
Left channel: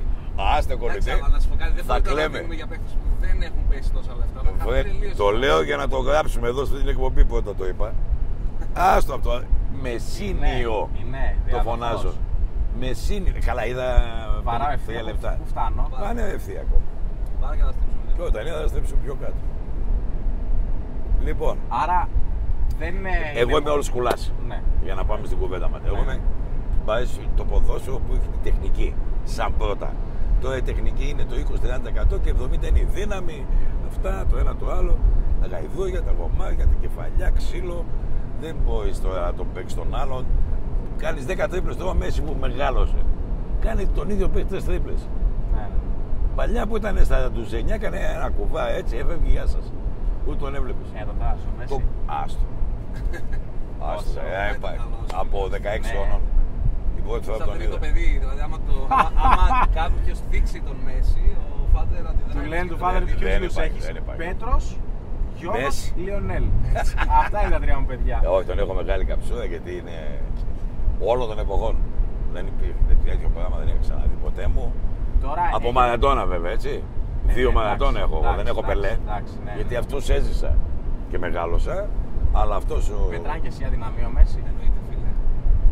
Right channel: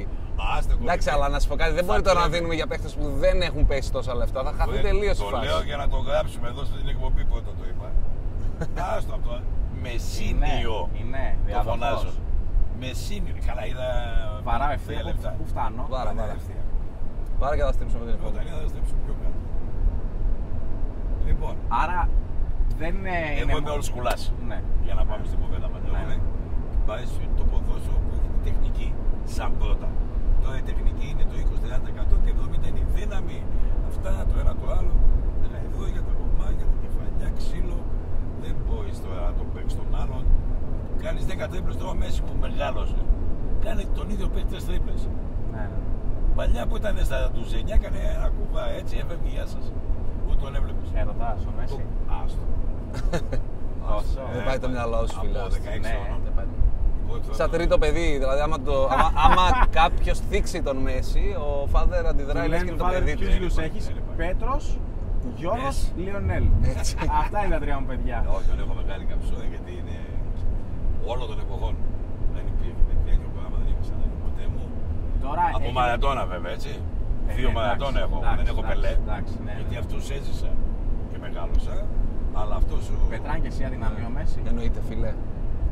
Άστα Εντάξει, κορυφή. αλλά να σου πω κάτι, δεν Θα μπορεί τώρα να κλαίμε. δίνουμε για παίχτες που δεν έχουν πέσει τόσα λεφτά. Θα χαθεί τελείως. Το η φάση. λέω για να το γράψουμε εδώ στην εκπομπή πρώτα το είπα. Άστο αυτό. Μεσίνιο. Είναι, Το διαδοχός. φωνάζω. Μεσίνιο. Καλά, είδα. Βαράω 50 ευθεία. λεπτά. Πού φτάνω? Πάνε ευθεία ακόμα. Πάρε και θα στρίψουμε. Λέω, τα νέα θα στρέψω πιο κάτω. Λοιπόν, Άρα δεν είναι. εγώ είμαι μόνο- όλος κουλάς. Ναι. Για να πάμε στην κουβέντα μας. Εγώ είμαι πάει το ποδόσφαιρο που έχει τη τεχνική. Σαν πρώτα. Τώρα η τεχνική είναι το 20-30% και 70% είναι η δύναμη. Αυτά, το ένα το άλλο. Τα γαϊδούρια, τα κομμάτια, τα κεφαλιά, ξύλο. Δεν μπορεί τώρα να τον παίξει τον άλλον. Κάνει 10 τρίπλες τώρα Μέση που μεγάλωσε. Κάνει τον ίδιο παίξει 3 τρίπλες. Ναι, ναι. Παλιά που ήταν στα ντουζενιά, έκανε ένα κουβά έτσι, έφευγε γεια σας. Ούτε τον έβλεπες. Ρωτάς ο Μέση. Άστο. Άστο. πάει το μυαλό σου, Από φίλε. 16 Ναι. χρονών. Η πρώτη φορά Σαν τον τρίτο είδα. παιδί, δηλαδή άμα κάποιος θίξει τον Μέση, ο Φάδερ αντιδράει. Του λες λένε και του το Φάδερ παιδί. ποιους δεν τους υπάρχει, έχεις? δεν υπάρχει. Πέτρος, Γιώργος, Μέση. Λιονέλ. Αυτά είναι τα τρία μου παιδιά. Όχι, τον έχω μεγάλη καψούρα γιατί είναι όλων των εποχών. Δεν υπήρχε τέτοιο πράγμα, δεν είχα ξαναδεί ποτέ μου. Τώρα Από έχει- μαρατόνα βέβαια, έτσι. Δύο εντάξει, μαρατόνα έχω, εντάξει, δεν έχω εντάξει, πελέ. εντάξει, ναι, Γιατί ναι. αυτός έζησα και μεγάλωσα, αλλά αυτός ο. Πετράνε και εσύ αδυναμία ο Μέση. Εννοείται, φίλε.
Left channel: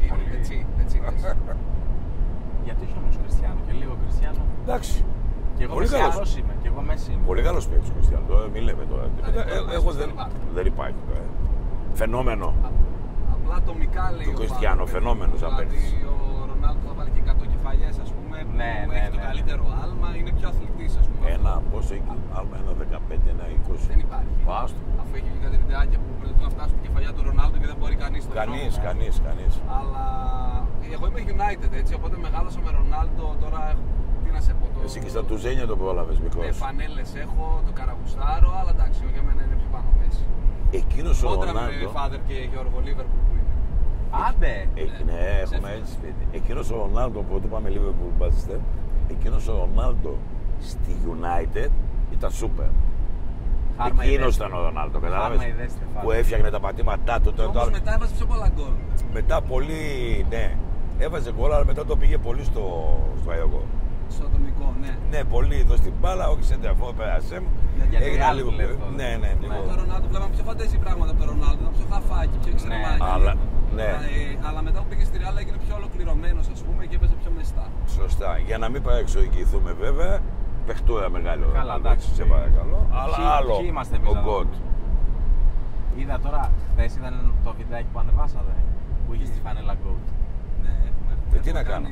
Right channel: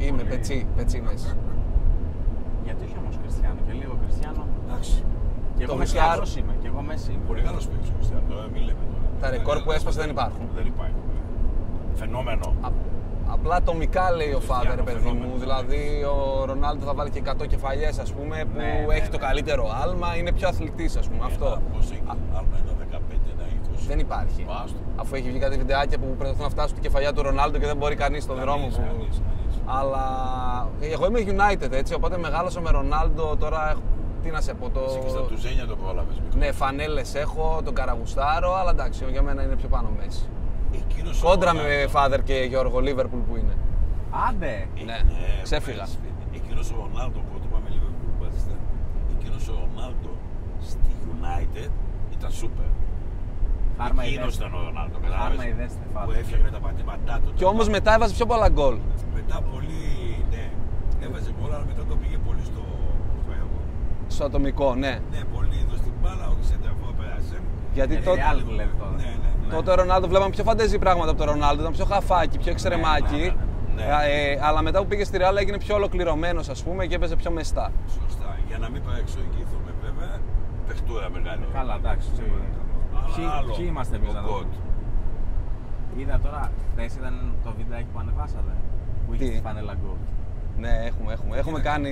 Είμαι Πολύ. πετσί Μέση. Γιατί όχι όμως Κριστιανό και λίγο Κριστιανό. Εντάξει. Και εγώ Πολύ καλός. Κριστιανός είμαι και εγώ Μέση είμαι. Πολύ καλός παίκτης ο Κριστιανό, τώρα μην λέμε τώρα. Τα ρεκόρ που έσπασε δεν υπάρχουν. Δεν υπάρχει τώρα. Φαινόμενο. απλά ατομικά λέει ο Κριστιανό Φάδερ. φαινόμενος, Δηλαδή ο Ρονάλντο θα βάλει και 100 κεφαλιές, ας πούμε, που έχει το καλύτερο άλμα, είναι πιο αθλητής, ας πούμε. Αυτό. Πόσο έχει άλμα, ένα 15, ένα 20. Δεν υπάρχει. Άστο. Αφού έχει βγει κάτι βιντεάκια που προσπαθούν να φτάσουν στη κεφαλιά του Ρονάλντο και δεν μπορεί κανείς στον δρόμο. Κανείς. Αλλά εγώ είμαι United, έτσι, οπότε μεγάλωσα με Ρονάλντο. Τώρα τι να σε πω. Εσύ και στα τουζένια το πρόλαβες μικρός. Ναι, φανέλες έχω, τον καραγουστάρω, αλλά εντάξει, για μένα είναι πιο πάνω μέση. Εκείνος ο Κόντρα με Ρονάλντο. Φάδερ και Γιώργο Λίβερπουλ που είναι. Άντε! Ναι, ξέφυγα. ξέφυγα. Εκείνος ο Ρονάλντο που το πάμε Liverpool Manchester, εκείνος ο Ρονάλντο στη United ήταν σούπερ. Χάρμα Εκείνος ιδέστε. ήταν ο Ρονάλντο, Χάρμα κατάλαβες, ιδέστε, που Φάδερ. έφτιαχνε τα πατήματά του. Και όμως μετά έβαζε πιο πολλά γκολ. Μετά πολύ, ναι, έβαζε γκολ, αλλά μετά το πήγε πολύ στο έργο. Στο ατομικό, ναι. Ναι, πολύ εδώ στην μπάλα, όχι σε τεφό, πέρασε. Γιατί Γιατί τότε, άλλη που λέτε τώρα. Ναι. τότε ο Ρονάλντο βλέπαμε πιο φαντεζή πράγματα από τον Ρονάλντο, ήταν πιο χαφάκι, πιο εξρεμάκι. Ναι. Αλλά μετά που πήγε στη Ρεάλ έγινε πιο ολοκληρωμένος, ας πούμε, και έπαιζε πιο μεστά. Σωστά. Για να μην παρεξηγηθούμε βέβαια, παιχτούρα μεγάλο. Καλά, εντάξει. Σε παρακαλώ. Αλλά άλλο. Ποιοι είμαστε εμείς ο να Γκοτ. δούμε. Είδα τώρα, χθες ήταν το βιντεάκι που ανεβάσατε, που είχε Τι? στη φανέλα Goat. Ναι, έχουμε. Τι Έχουμε να κάνει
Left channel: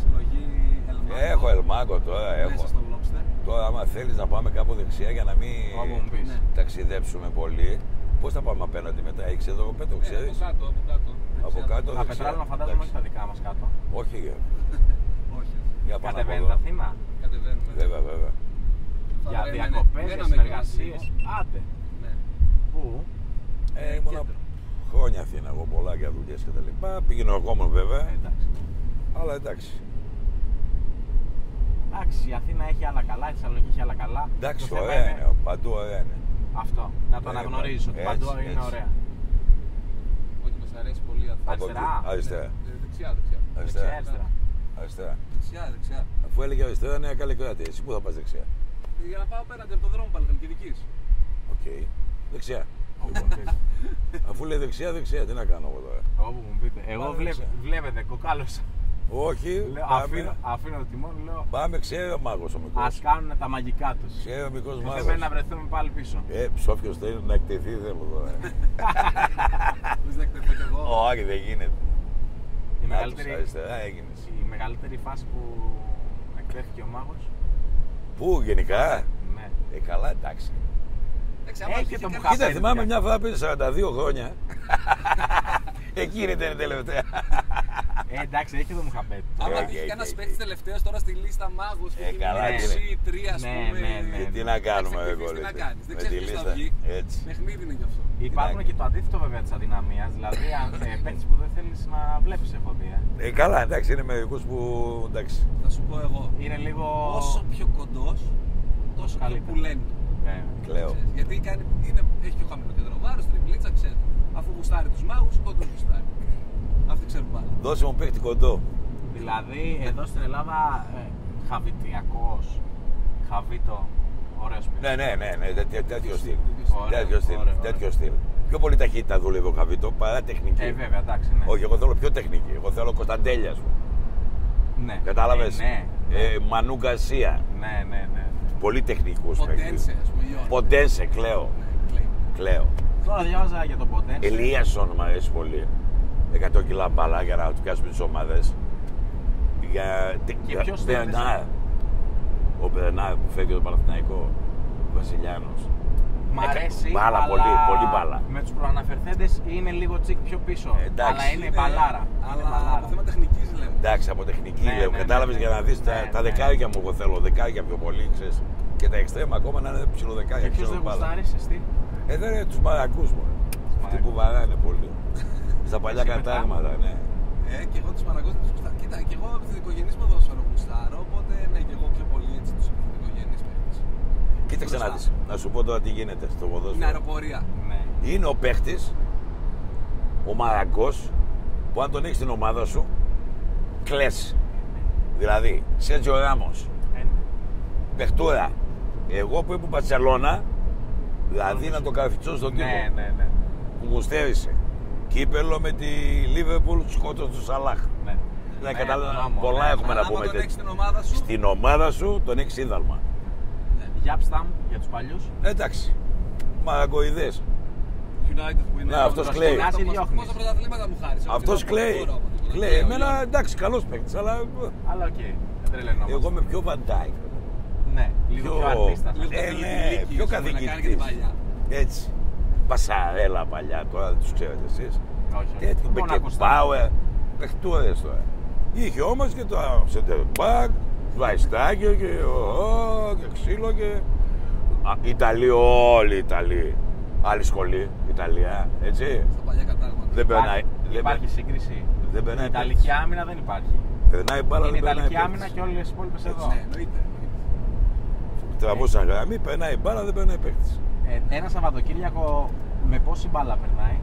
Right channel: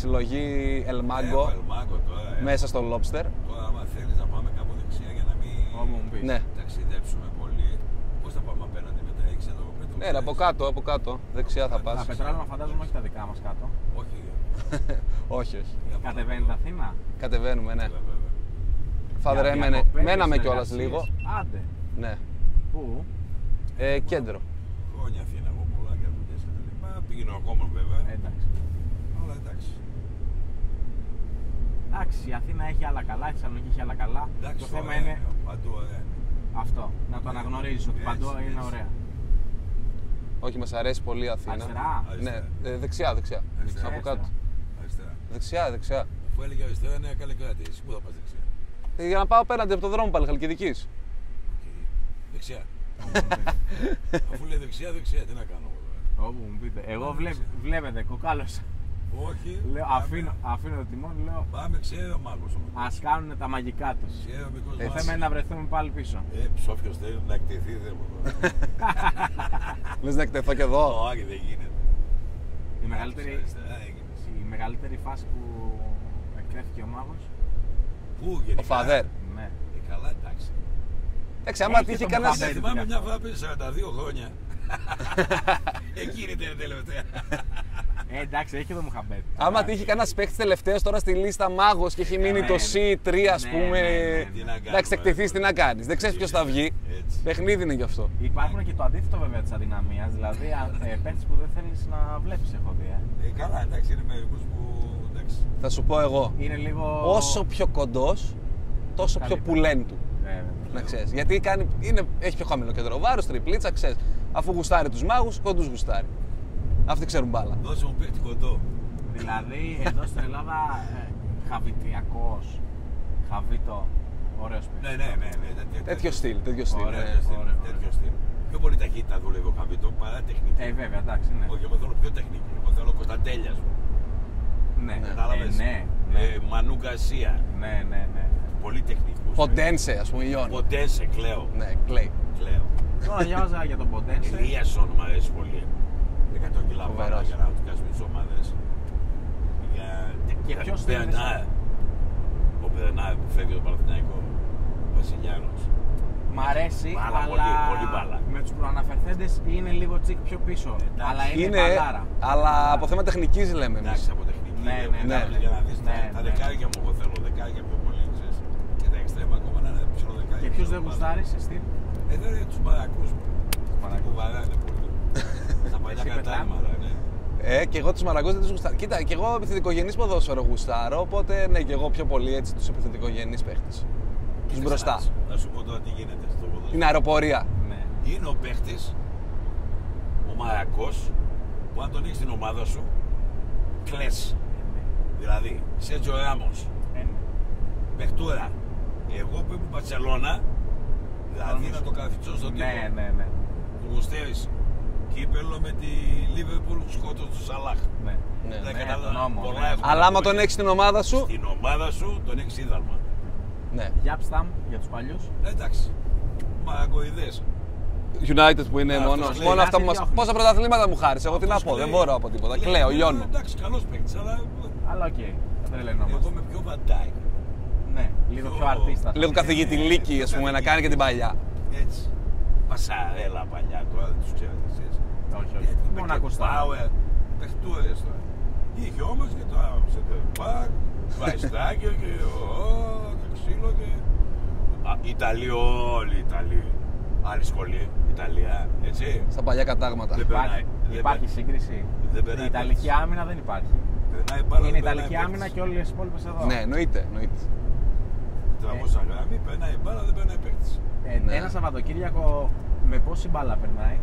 συλλογή Έχω Ελμάγκο Ελμάγκο τώρα. μέσα στο Lobster. Τώρα, άμα θέλεις να πάμε κάπου δεξιά για να μην Όπου μου πεις. Ναι. ταξιδέψουμε πολύ, πώς θα πάμε απέναντι μετά, έχεις εδώ πέτω, Ναι, από κάτω. Δεξιά Από θα κάτω, πας. Τα δεξιά. πετράλαινα φαντάζομαι όχι τα δικά μας κάτω. Όχι, Όχι. για πάνω Κατεβαίνετε από εδώ. Αθήνα. Κατεβαίνουμε, ναι. Βέβαια. Φάδερ Για έμενε. διακοπές, Μέναμε κιόλας συνεργασίες. λίγο. Άντε. Ναι. Πού? Κέντρο. Χρόνια Αθήνα, εγώ πολλά για δουλειές και τα λοιπά. Πήγαινε ο κόμμα βέβαια, Εντάξει. αλλά εντάξει. Εντάξει, η Αθήνα έχει άλλα καλά, η Θεσσαλονίκη έχει άλλα καλά. Εντάξει, Το θέμα ωραία είναι είναι, παντού ωραία είναι. αυτό. Να το Ναι, αναγνωρίζεις ότι έτσι, παντού είναι έτσι. ωραία. Όχι, μας αρέσει πολύ η Αθήνα. Αριστερά. Αριστερά. Ναι. Δεξιά. Αριστερά. Από κάτω. Αριστερά. Δεξιά. Αφού έλεγε αριστερά, Νέα Καλλικράτη. Εσύ πού θα πας δεξιά? Για να πάω απέναντι από το δρόμο πάλι, Χαλκιδικής. Οκ. Δεξιά. Όπου μου πείτε. Αφού λέει δεξιά, τι να κάνω εγώ τώρα. Όπου μου πείτε. Εγώ Πάμε δεξιά. βλέπετε, κοκάλωσα. Όχι. Λέω, πάμε. αφήνω το τιμόνι, λέω Πάμε, ξέρει ο μάγος ο μικρός. ας κάνουν τα μαγικά τους. Ξέρει ο μικρός Δεν μάγος. θέλουμε να βρεθούμε πάλι πίσω. Όποιος θέλει να εκτεθεί, δεν μου τώρα. Λες να εκτεθώ κι εδώ. Όχι, δεν γίνεται. Η μεγαλύτερη, Αριστερά έγινες. η μεγαλύτερη φάση που εκτέθηκε ο μάγος. Πού γενικά? Φαδέρ. Ναι. Καλά, εντάξει. Εντάξει, άμα Έχει τύχει τον κανένας. Κοίτα, Κοίτα, θυμάμαι παιδιά. μια φορά πριν 42 χρόνια. Εκείνη ήταν η τελευταία. Εντάξει, έχει το Μουχαμπέτ. Άμα τύχει κανένας παίκτης τελευταίος τώρα στη λίστα μάγος και έχει μείνει καλά το είναι. C3, ας Ναι, πούμε. ναι, ναι. Τι να κάνουμε. Εντάξει, εκτεθείς, τι εγώ, να ρε. κάνεις. Δεν ξέρεις Με τη ποιος θα λίστα. βγει. Έτσι. Παιχνίδι είναι γι' αυτό. Υπάρχουν και το αντίθετο βέβαια της αδυναμίας. Δηλαδή, παίκτης που δεν θέλεις να βλέπεις, έχω δει. Καλά, εντάξει, είναι μερικούς που. Εντάξει. Θα σου πω εγώ. Είναι λίγο. Όσο πιο κοντός, τόσο πιο Καλύτερα. πουλέν του. Βέβαια. Να Λέω. ξέρεις. Γιατί έχει πιο χαμηλό κέντρο βάρος, τριπλίτσα, ξέρεις. Αφού γουστάρει τους μάγους, κοντούς γουστάρει. Αυτοί ξέρουν μπάλα. Δώσε μου παίχτη κοντό. Δηλαδή, εδώ στην Ελλάδα, χαβιτιακός, χαβίτο, ωραίος παίκτης. Ναι. Τέτοιο στυλ. Τέτοιο στυλ. Ωραία. Τέτοιο στυλ. Πιο πολύ ταχύτητα δούλευε ο Χαβίτο παρά τεχνική. Βέβαια, εντάξει, ναι. Όχι, εγώ θέλω πιο τεχνική. Εγώ θέλω Κωνσταντέλια σου. Ναι. Κατάλαβες. Ναι. Μανού Γκαρσία. Ναι. Πολύ τεχνικούς. Ποντένσε, ας πούμε, Ιόν. Ποντένσε, κλαίω. Ναι, κλαίει. Κλαίω. Τώρα διάβαζα για τον Ποντένσε. Ελίασον μου αρέσει πολύ. 100 κιλά μπάλα για να του πιάσουμε τις ομάδες. Και ποιος Μπερνάρ. Ο Μπερνάρ που φεύγει το Παναθηναϊκό. Βασιλιάνος. Μ' αρέσει, Μπάλα, αλλά πολύ μπάλα. με τους προαναφερθέντες είναι λίγο τσικ πιο πίσω. Εντάξει, αλλά είναι μπαλάρα. Αλλά από θέμα τεχνικής λέμε. εμείς. Εντάξει, από τεχνική Ναι, λέω. ναι, Κατάλαβες ναι, για να δεις ναι, τα ναι. δεκάρια μου. Εγώ θέλω δεκάρια πιο πολύ, ξέρεις. Και τα εξτρέμα ακόμα να είναι ψιλοδεκάρια. Και ποιος ξέρω, δεν μπάλα. γουστάρεις, εσύ? Δεν είναι τους μαρακούς μου. Αυτοί που βαράνε πολύ. Στα παλιά Εσύ κατάληματα, ναι. Και εγώ τους μαραγκούς δεν τους γουστάρω. Κοίτα, και εγώ επιθετικογενής ποδόσφαιρο γουστάρω, οπότε ναι, και εγώ πιο πολύ έτσι τους επιθετικογενείς παίχτες. Κοίταξε μπροστά. να δεις. Να σου πω τώρα τι γίνεται στο ποδόσφαιρο. Είναι αεροπορία. Ναι. Είναι ο παίχτης, ο μαρακός, που αν τον έχεις στην ομάδα σου, κλαις. Δηλαδή, Σέρτζιο Ράμος, παιχτούρα. Εγώ που ήμουν Μπαρσελόνα, δηλαδή να το καρφιτσώ στον τύπο, Ναι. που μου στέρισε. Κύπελλο με τη Λίβερπουλ, σκότωσε του Σαλάχ. Ναι. Δεν Ναι, κατάλαβα, τον νόμο, πολλά ναι. έχουμε Αλλά να άμα πούμε τον και- έχεις στην ομάδα σου. Στην ομάδα σου τον έχεις ίδαλμα. Ναι. Γιάπσταμ για τους παλιούς. Εντάξει, μαραγκοειδές. United που είναι αυτός μόνο. κλαίει. Μόνο αυτά που μας. Διώχνει. Πόσα πρωταθλήματα μου χάρισε. Εγώ τι να Αυτός πω, δεν κλαίει. μπορώ από τίποτα. Κλαίει. Κλαίω, Εμένα, λιώνω. εντάξει, καλός παίκτης, αλλά Αλλά οκ, δεν τρελαινόμαστε. εγώ είμαι πιο Βαντάικ. Ναι, λίγο πιο αρτίστα. Λίγο καθηγητή Λίκη, πιο ας πούμε, να κάνει και την παλιά. Έτσι. Πασαρέλα παλιά, τώρα δεν τους ξέρετε εσείς. Όχι, όχι. Έτσι, Μόνο και ακουστά. Πάουερ, παιχτούδες τώρα. Είχε όμως και το Σεντερμπακ, Βαϊστάκιο και ξύλο και... Ιταλοί, όλοι οι Ιταλοί. Άλλη σχολή, Ιταλία, έτσι. Στα παλιά κατάγματα. Δεν περνάει. Υπάρχει σύγκριση. Δεν Η περνάει. Ιταλική άμυνα δεν υπάρχει. Περνάει μπάλα, Είναι δεν η Ιταλική περνάει άμυνα παίκτης. και όλες οι υπόλοιπες εδώ. Ναι, εννοείται. Τραβούσαν γραμμή, περνάει μπάλα, δεν περνάει παίκτης. Ένα Σαββατοκύριακο με πόση μπάλα περνάει.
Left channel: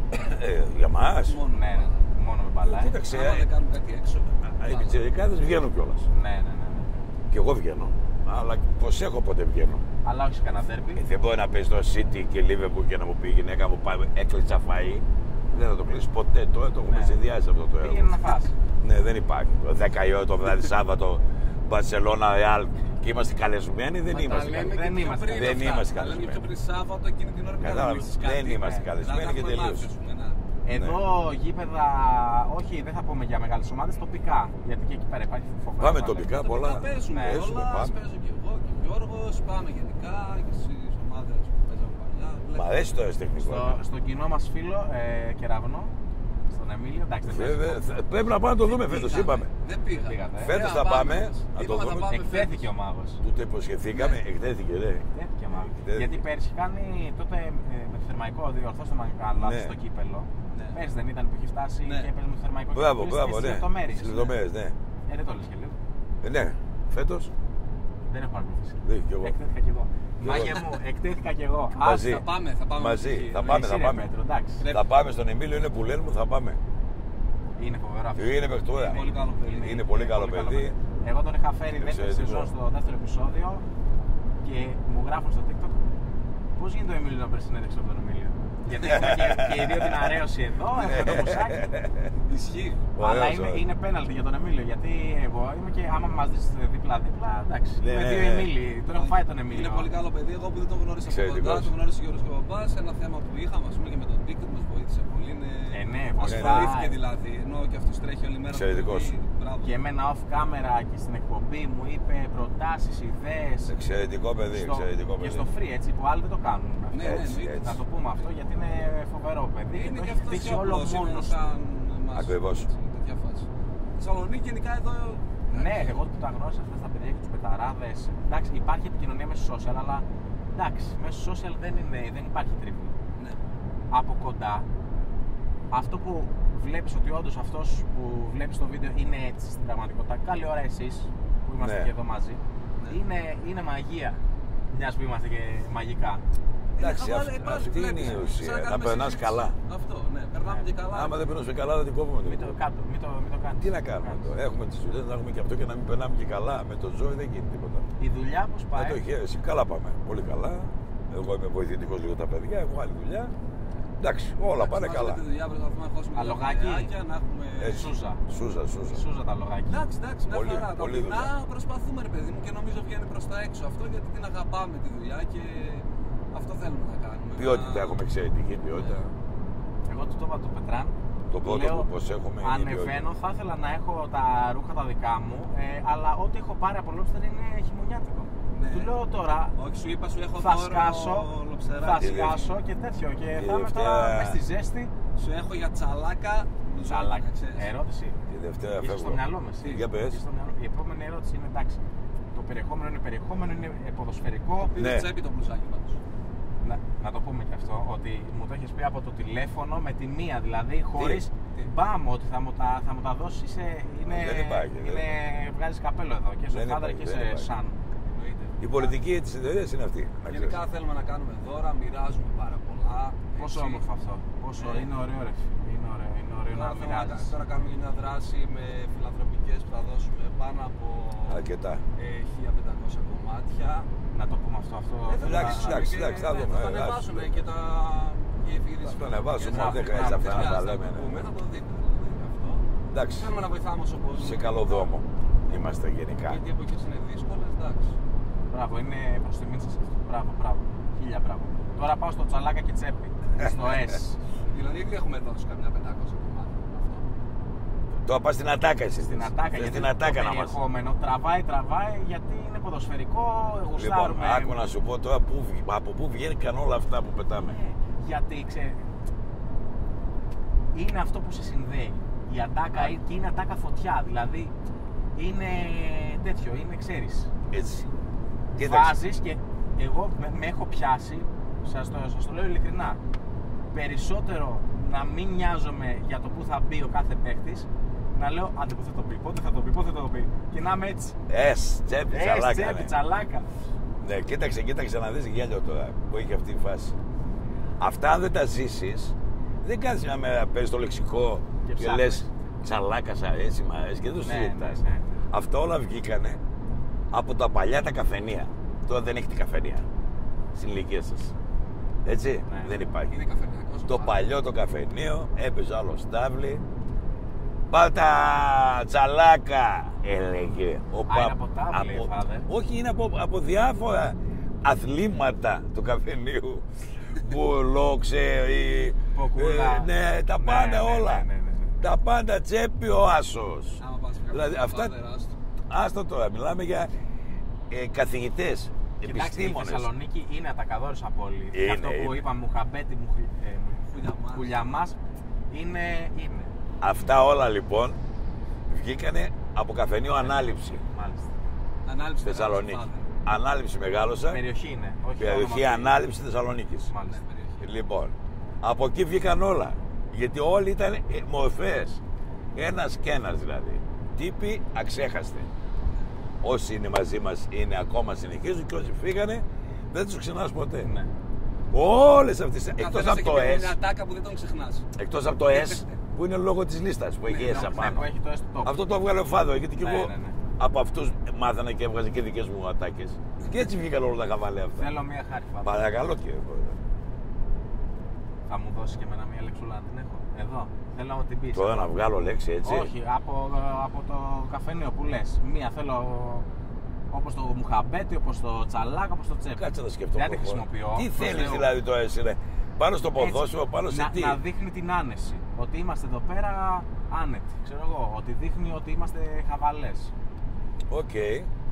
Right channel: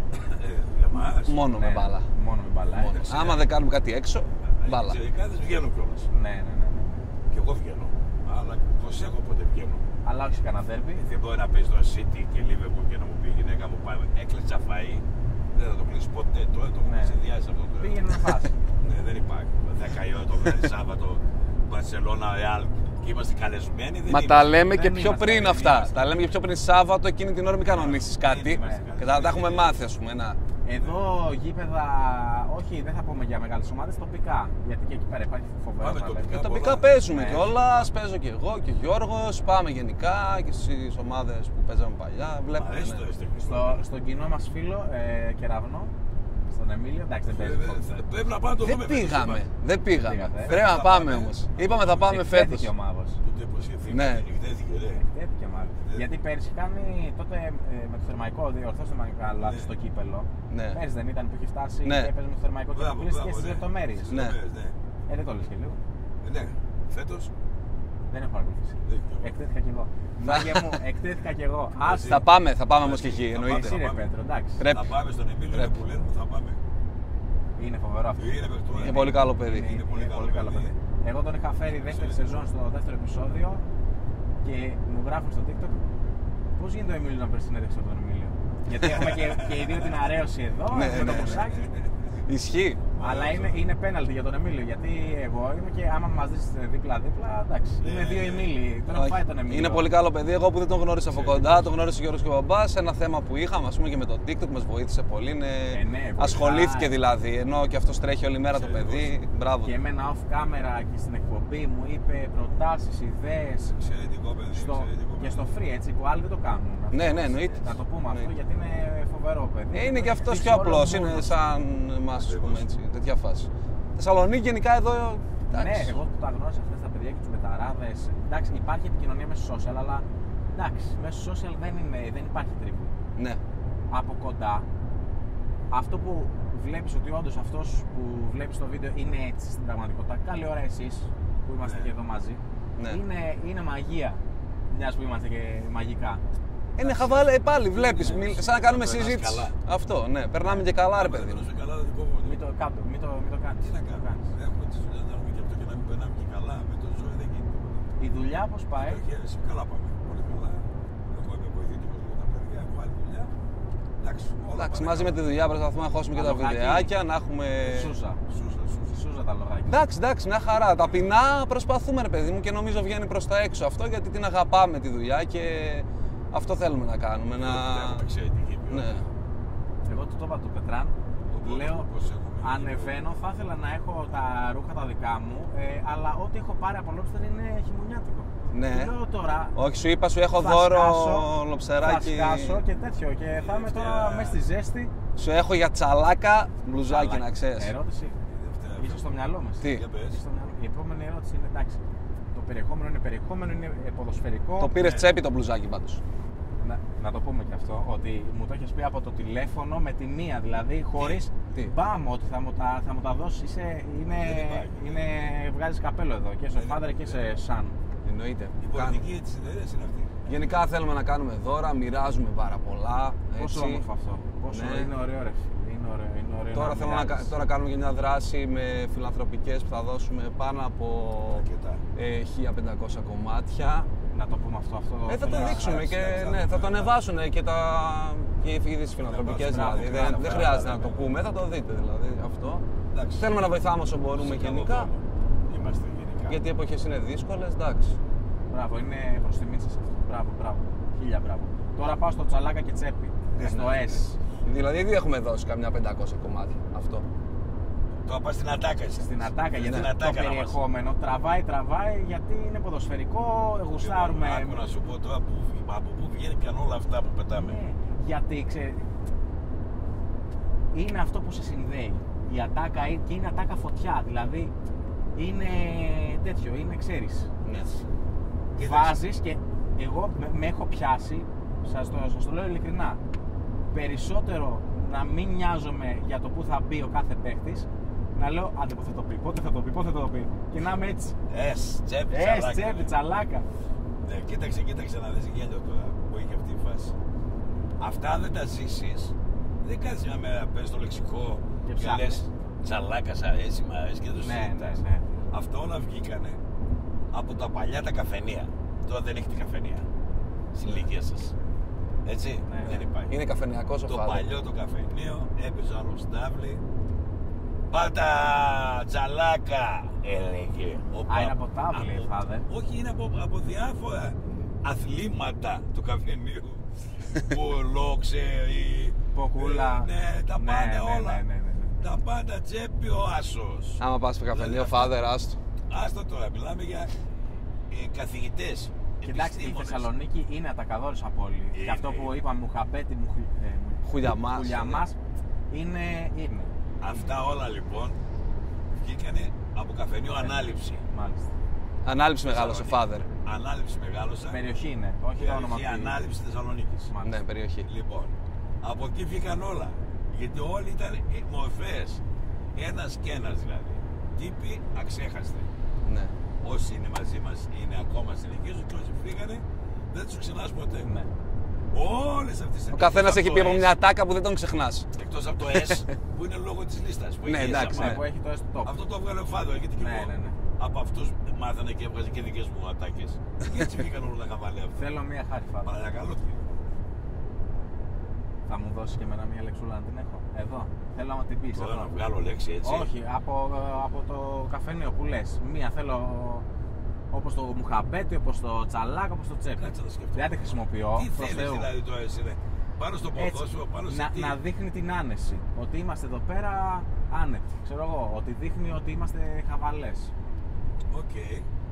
Για μας. Μόνο με Ναι, μπάλα. μόνο με μπάλα. Εντάξει, Άμα δεν κάνουμε κάτι έξω, Οι μπάλα. πιτσιρικάδες βγαίνουν κιόλας. Ναι, ναι, ναι. Και εγώ βγαίνω. Αλλά προσέχω πότε βγαίνω. Αλλά όχι σε κανένα ντέρμπι. Δεν μπορεί να παίζει το City και Liverpool και να μου πει η γυναίκα μου πάει έκλειτσα φαΐ. Δεν θα το κλείσει ποτέ. Τώρα το έχουμε Ναι. συνδυάσει αυτό το έργο. Πήγαινε να φας. Ναι, δεν υπάρχει. 10 η ώρα το βράδυ Σάββατο, Μπαρσελόνα, Ρεάλ και είμαστε καλεσμένοι. Δεν Μα είμαστε. τα λέμε και Δεν πιο είμαστε, πριν δεν αυτά. είμαστε Τα λέμε και πιο πριν Σάββατο, εκείνη την ώρα μην Καλά, κανονίσεις δεν κάτι. είμαστε Και καλεσμένοι, θα τα έχουμε τελείως. μάθει, ας πούμε. Εδώ γήπεδα, όχι δεν θα πούμε για μεγάλες ομάδες, τοπικά. Γιατί και εκεί πέρα υπάρχει φοβερό. Πάμε ταλέντο. τοπικά. Τοπικά πολλά. παίζουμε Ναι, κιόλας, πάμε. παίζω και εγώ και ο Γιώργος, πάμε γενικά και στις ομάδες που παίζαμε παλιά. Μ' Βλέπουμε, αρέσει το ναι. αισθητικό. Στον κοινό μας φίλο Κεραυνό, στον Εμίλιο, εντάξει δεν παίζει. Πρέπει να πάμε να το Δεν δούμε φέτος, πήγαμε, είπαμε. δεν πήγαμε. Πήγατε, Πρέπει Φέτος να θα πάμε πάμε. όμως. Να το Είπαμε θα δούμε. πάμε φέτος. Εκτέθηκε ο Μάγος. Του το υποσχεθήκαμε, Ναι. εκτέθηκε, ναι. Εκτέθηκε μάλλον. Εκτέθηκε. Γιατί πέρσι κάνει τότε με το θερμαϊκό, διορθώστε με αν κάνω λάθος, Ναι. στο κύπελο. Ναι. Πέρσι δεν ήταν που είχε φτάσει Ναι. και έπαιζε με το θερμαϊκό και Μπράβο, πήγε μπράβο, στις ναι. λεπτομέρειες. Στις λεπτομέρειες, ναι. Δεν το λες και λίγο. Ναι, φέτος Δεν έχω ακολουθήσει. δεν κι εγώ. Εκτέθηκα κι εγώ. Μάγια μου, εκτέθηκα κι εγώ. Μαζί. Θα πάμε όμως Μαζί. εκεί. Θα εννοείς. πάμε. Εσύ ρε Πέτρο, εντάξει. Πρέπει. Θα πάμε στον Εμίλιο, είναι Πρέπει. που λένε μου, θα πάμε. Είναι φοβερό αυτό. Είναι παιχτούρα. Είναι πολύ καλό παιδί. Είναι πολύ καλό παιδί. Εγώ τον είχα φέρει δεύτερη Εξαιρετικό. σεζόν στο δεύτερο επεισόδιο και μου γράφουν στο TikTok πώς γίνεται ο Εμίλιο να παίρνει συνέντευξη από τον Εμίλιο. Γιατί έχουμε και οι δύο την αρέωση εδώ, έχουμε το μουσάκι. Ισχύει. Αλλά Ωραίος, είναι πέναλτι για τον Εμίλιο. Γιατί εγώ είμαι και άμα μας δεις δίπλα-δίπλα, εντάξει. Ναι, Είμαι ναι, δύο ναι. Εμίλοι. Τον έχω φάει τον Εμίλιο. Είναι πολύ καλό παιδί. Εγώ που δεν τον γνώρισα από Εξαιρετικός. κοντά, τον γνώρισε ο Γιώργος και ο Μπαμπάς. Ένα θέμα που είχαμε, ας πούμε, και με το TikTok μας βοήθησε πολύ. ναι, πολύ. Ασχολήθηκε δηλαδή. Ενώ και αυτός τρέχει όλη μέρα το Εξαιρετικός. παιδί. Μπράβο. Και εμένα off camera και στην εκπομπή μου είπε προτάσεις, ιδέες. Εξαιρετικό παιδί, εξαιρετικό παιδί. Και στο free έτσι που άλλοι δεν το κάνουν. Ναι, ναι, εννοείται. Να το πούμε αυτό γιατί είναι φοβερό παιδί. Είναι και αυτός Δείξει πιο όλο απλός. Είναι μόνος. σαν εμάς. Ακριβώς. έτσι, Τέτοια φάση. Θεσσαλονίκη γενικά εδώ. Ναι, εντάξει. εγώ που τα γνώρισα αυτά τα παιδιά και τους πεταράδες. Εντάξει, υπάρχει επικοινωνία μέσω social, αλλά εντάξει, μέσω social δεν υπάρχει τρίβη. Ναι. Από κοντά, αυτό που βλέπεις ότι όντως αυτός που βλέπεις στο βίντεο είναι έτσι στην πραγματικότητα. Καλή ώρα εσείς που είμαστε Ναι. και εδώ μαζί. Ναι. Είναι μαγεία. Μιας που είμαστε και μαγικά. Είναι Εντάξει, χαβάλε, πάλι αυτή βλέπεις. είναι η ουσία, Σαν να κάνουμε να περνάς συζήτηση. καλά. Αυτό, ναι. Περνάμε και καλά, ρε Άμα δεν παιδί. περνούσε καλά, δεν την κόβουμε. Μην το κάτω, μην το κάνεις. Τι να κάνουμε τώρα, έχουμε τις δουλειές, να έχουμε και αυτό και να μην περνάμε και καλά. Με το ζώο δεν γίνει τίποτα. Η δουλειά πώς Με πάει. το χέρι, εσύ καλά πάμε. Πολύ καλά. Εγώ είμαι βοηθητικός λίγο τα παιδιά, έχω άλλη δουλειά. Εντάξει, όλα Εντάξει, πάνε μαζί καλά. με τη δουλειά προσπαθούμε να χώσουμε και Τα τα λογάκια. βιντεάκια, να έχουμε. Σούζα. Σούζα. Σούζα τα λογάκια. Εντάξει, μια Πολύ, χαρά. πολύ Ταπεινά προσπαθούμε, ρε παιδί μου, και νομίζω βγαίνει προς τα έξω αυτό γιατί την αγαπάμε τη δουλειά και αυτό θέλουμε να κάνουμε. Ποιότητα, έχουμε εξαιρετική ποιότητα. Ναι. Εγώ του το είπα το Πετράν. Το πρώτο Λέω, που προσέχουμε είναι η ανεβαίνω, θα ήθελα να έχω τα ρούχα τα δικά μου, αλλά ό,τι έχω πάρει από λόμπστερ είναι χειμωνιάτικο. Ναι. Του λέω τώρα, Όχι, σου είπα, σου έχω θα δώρο σκάσω, θα λοψεράκι. σκάσω και τέτοιο και θα είμαι τώρα Δευτέρα. μες στη ζέστη. Σου έχω για τσαλάκα μπλουζάκι, Αλλά, να ξέρεις. ερώτηση, Η Δευτέρα είσαι στο φεύγω. μυαλό μας. Τι? Για πες. Είσαι στο μυαλό. Η επόμενη ερώτηση είναι εντάξει. Το περιεχόμενο είναι ποδοσφαιρικό. Το πήρες Ναι. τσέπη το μπλουζάκι πάντως. Να το πούμε και αυτό, ότι μου το έχεις πει από το τηλέφωνο με τη μία, δηλαδή χωρίς τι? μπαμ ότι θα μου τα δώσεις, Δεν υπάρχει, βγάζεις καπέλο εδώ και σε Δεν Father υπάρχει, και δεν σε υπάρχει. Sun. Εννοείται. Η πολιτική της εταιρείας είναι αυτή. να Γενικά θέλουμε να κάνουμε δώρα, μοιράζουμε πάρα πολλά. Πόσο έτσι. όμορφο αυτό. Πόσο Ναι. είναι ωραίο ρε φίλε. Είναι ωραίο Τώρα, να θέλουμε μοιράζεις. τώρα κάνουμε και μια δράση με φιλανθρωπικές που θα δώσουμε πάνω από Αρκετά. 1500 κομμάτια. Να το πούμε αυτό. Θα το Εντάξει, δείξουμε εντάξει, και εντάξει, θα ναι, δούμε, θα το εντάξει. ανεβάσουν και οι εφηγητές Θα το φιλανθρωπικές. ανεβάσουν, μπράβο, Δεν μπράβο, χρειάζεται να μπράβο, το ναι. πούμε, θα το δείτε δηλαδή αυτό. Εντάξει. Θέλουμε να βοηθάμε όσο μπορούμε. Σε καλό γενικά, δρόμο. Είμαστε γενικά. Γιατί οι εποχές είναι δύσκολες, εντάξει. Μπράβο, είναι προς τιμή σας αυτό. Μπράβο. Χίλια μπράβο. Τώρα πάω στο τσαλάκα και τσέπη. Στο S. Δηλαδή ήδη έχουμε δώσει καμιά 500 κομμάτια αυτό. Το πας στην ατάκα εσύ. Στην ατάκα, γιατί το περιεχόμενο τραβάει γιατί είναι ποδοσφαιρικό, γουστάρουμε. Άκου να σου πω τώρα από πού βγαίνουν όλα αυτά που πετάμε. Ναι, γιατί είναι αυτό που σε συνδέει. Η ατάκα και είναι ατάκα φωτιά, δηλαδή είναι τέτοιο, είναι ξέρεις. Έτσι. Βάζεις και εγώ με έχω πιάσει, σας το λέω ειλικρινά, περισσότερο να μην νοιάζομαι για το που θα μπει ο κάθε παίχτης, να λέω άντε πότε θα το πει, πότε θα το πει και να είμαι έτσι. Τσέπη, τσαλάκα. Ναι, κοίταξε να δεις γέλιο τώρα που έχει αυτή η φάση. Αυτά αν δεν τα ζήσεις, δεν κάνεις μια μέρα, παίζεις το λεξικό και λες τσαλάκα, σ' αρέσει, μ' αρέσει και δεν το συζητάς. Ναι. Αυτά όλα βγήκανε από τα παλιά τα καφενεία. Τώρα δεν έχετε καφενεία στην ηλικία σας. Έτσι, Ναι. δεν υπάρχει. Είναι καφενειακός ο Το Father. παλιό το καφενείο έπαιζε άλλο στάβλη. Πάτα τσαλάκα, έλεγε. Είναι από τάβλη, Father. Όχι, είναι από διάφορα αθλήματα του καφενείου. Πουλό, ξέρει. Ποκούλα. Ναι, τα πάντα όλα. Ναι. Τα πάντα τσέπη ο άσος. Άμα πας στο καφενείο, Δηλαδή, Father, άστο. Άστο τώρα, μιλάμε για καθηγητές, Κοιτάξτε, η επιστήμονες. Θεσσαλονίκη είναι ατακαδόρυσα πόλη. Και Είναι, αυτό που είναι. είπαμε, Μουχαμπέτη, Χουλιαμάς. Χουλιαμάς, είναι. Αυτά όλα λοιπόν βγήκανε από καφενείο Ανάληψη. Μάλιστα. Ανάληψη μεγάλος ο Θεσσαλονίκη. Father. Ανάληψη μεγάλωσα. Περιοχή είναι, όχι Περιοχή ονομαστική. Ανάληψη Θεσσαλονίκης. Μάλιστα. Ναι, περιοχή. Λοιπόν, από εκεί βγήκαν όλα. Γιατί όλοι ήταν μορφές. Ένας και ένας δηλαδή. Τύποι αξέχαστοι. Ναι. Όσοι είναι μαζί μας είναι ακόμα συνεχίζουν και όσοι φύγανε δεν τους ξεχνάς ποτέ. Ναι. Όλες αυτές. Ο καθένας έχει πει από μια ατάκα που δεν τον ξεχνάς. Εκτός από το S που είναι λόγω της λίστας που Ναι, έχει εντάξει, S. Ναι, που έχει το S top. Αυτό το έβγαλε ο Φάδο γιατί και Ναι, εγώ ναι. από αυτούς μάθανα και έβγαζε και δικές μου ατάκες. Και έτσι βγήκαν όλα τα χαβαλέ αυτά. Θέλω μία χάρη, Φάβο. Παρακαλώ κύριε. Θα μου δώσεις και εμένα μία λεξούλα να την έχω. Εδώ. Θέλω να μου την πεις. Τώρα να βγάλω λέξη έτσι. Όχι, από το καφενείο που λες. Μία θέλω όπως το μουχαμπέτι, όπως το τσαλάκα, όπως το τσέπι. Κάτσε να σκεφτώ. Δεν τη χρησιμοποιώ. Τι προς θέλεις Θεού. δηλαδή τώρα εσύ, ρε. Πάνω στο ποδόσφαιρο, πάνω σε τι. Να δείχνει την άνεση. Ότι είμαστε εδώ πέρα άνετοι. Ξέρω εγώ. Ότι δείχνει ότι είμαστε χαβαλές. Οκ.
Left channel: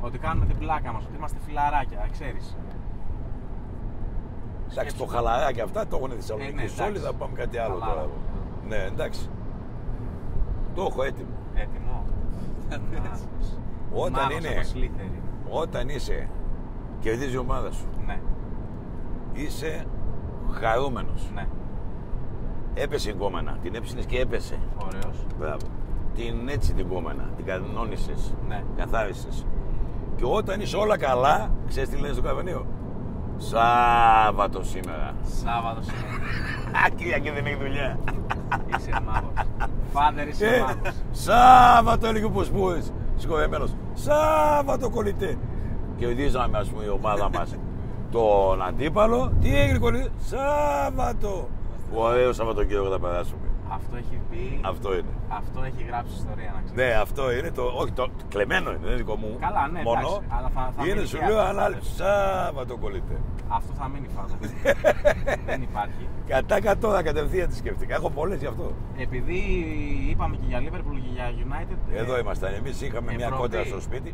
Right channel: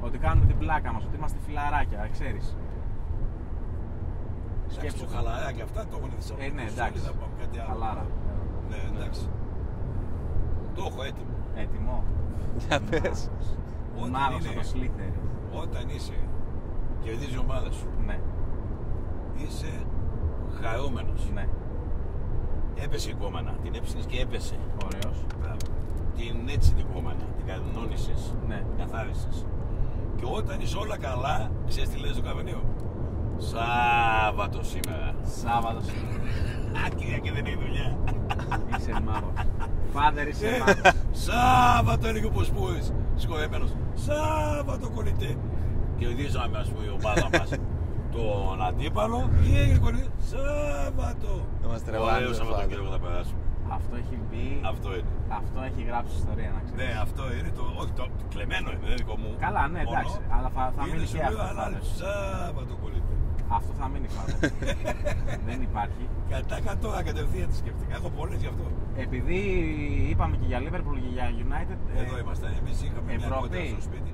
Ότι κάνουμε την πλάκα μας. Ότι είμαστε φιλαράκια. Ξέρεις. Εντάξει, το Σκέψου. χαλαράκι αυτά το έχουν οι Θεσσαλονίκοι. ναι, Όλοι εντάξει. θα πάμε κάτι άλλο. Χαλάρα. τώρα. Ναι, εντάξει. Το έχω έτοιμο. Έτοιμο. Για πες. Όταν Μάγος είναι, από Slytherin. όταν είσαι, κερδίζει η ομάδα σου, Ναι, είσαι χαρούμενος. ναι. Έπεσε η κόμενα, την έψινες και έπεσε. Ωραίος. Μπράβο. Την έτσι την κόμενα, την κανόνισες, Ναι. καθάρισες. Και όταν είσαι όλα καλά, ξέρεις τι λένε στο καφενείο. Σάββατο σήμερα. Σάββατο σήμερα. Κυριακή δεν έχει δουλειά. Είσαι μάγος. Φάντερ είσαι μάγος. Σάββατο έλεγε ο Ποσπούης, συγχωρεμένος. Σάββατο κολλητέ. Κερδίζαμε ας πούμε η ομάδα μας τον αντίπαλο. Τι έγινε κολλητέ. Σάββατο. Είμαστε τρελάνοι, Ωραίο ρε, Σαββατοκύριακο θα περάσουμε. Αυτό έχει πει. Αυτό είναι. Αυτό έχει γράψει ιστορία να ξέρεις. Ναι, αυτό είναι το. Όχι, το κλεμμένο είναι, δεν είναι δικό μου. Καλά, ναι, μόνο. εντάξει. Αλλά θα Είναι μείνει σου και λέω αυτό, ανάληψη. Σάββατο κολλητέ. Αυτό θα μείνει φάβο. Δεν υπάρχει. Κατά κατώρα κατευθείαν τη σκέφτηκα. Έχω πολλές γι' αυτό. Επειδή είπαμε και για Liverpool και για United. Εδώ ήμασταν. Εμείς είχαμε μια Ευρώπη. κόντρα στο σπίτι.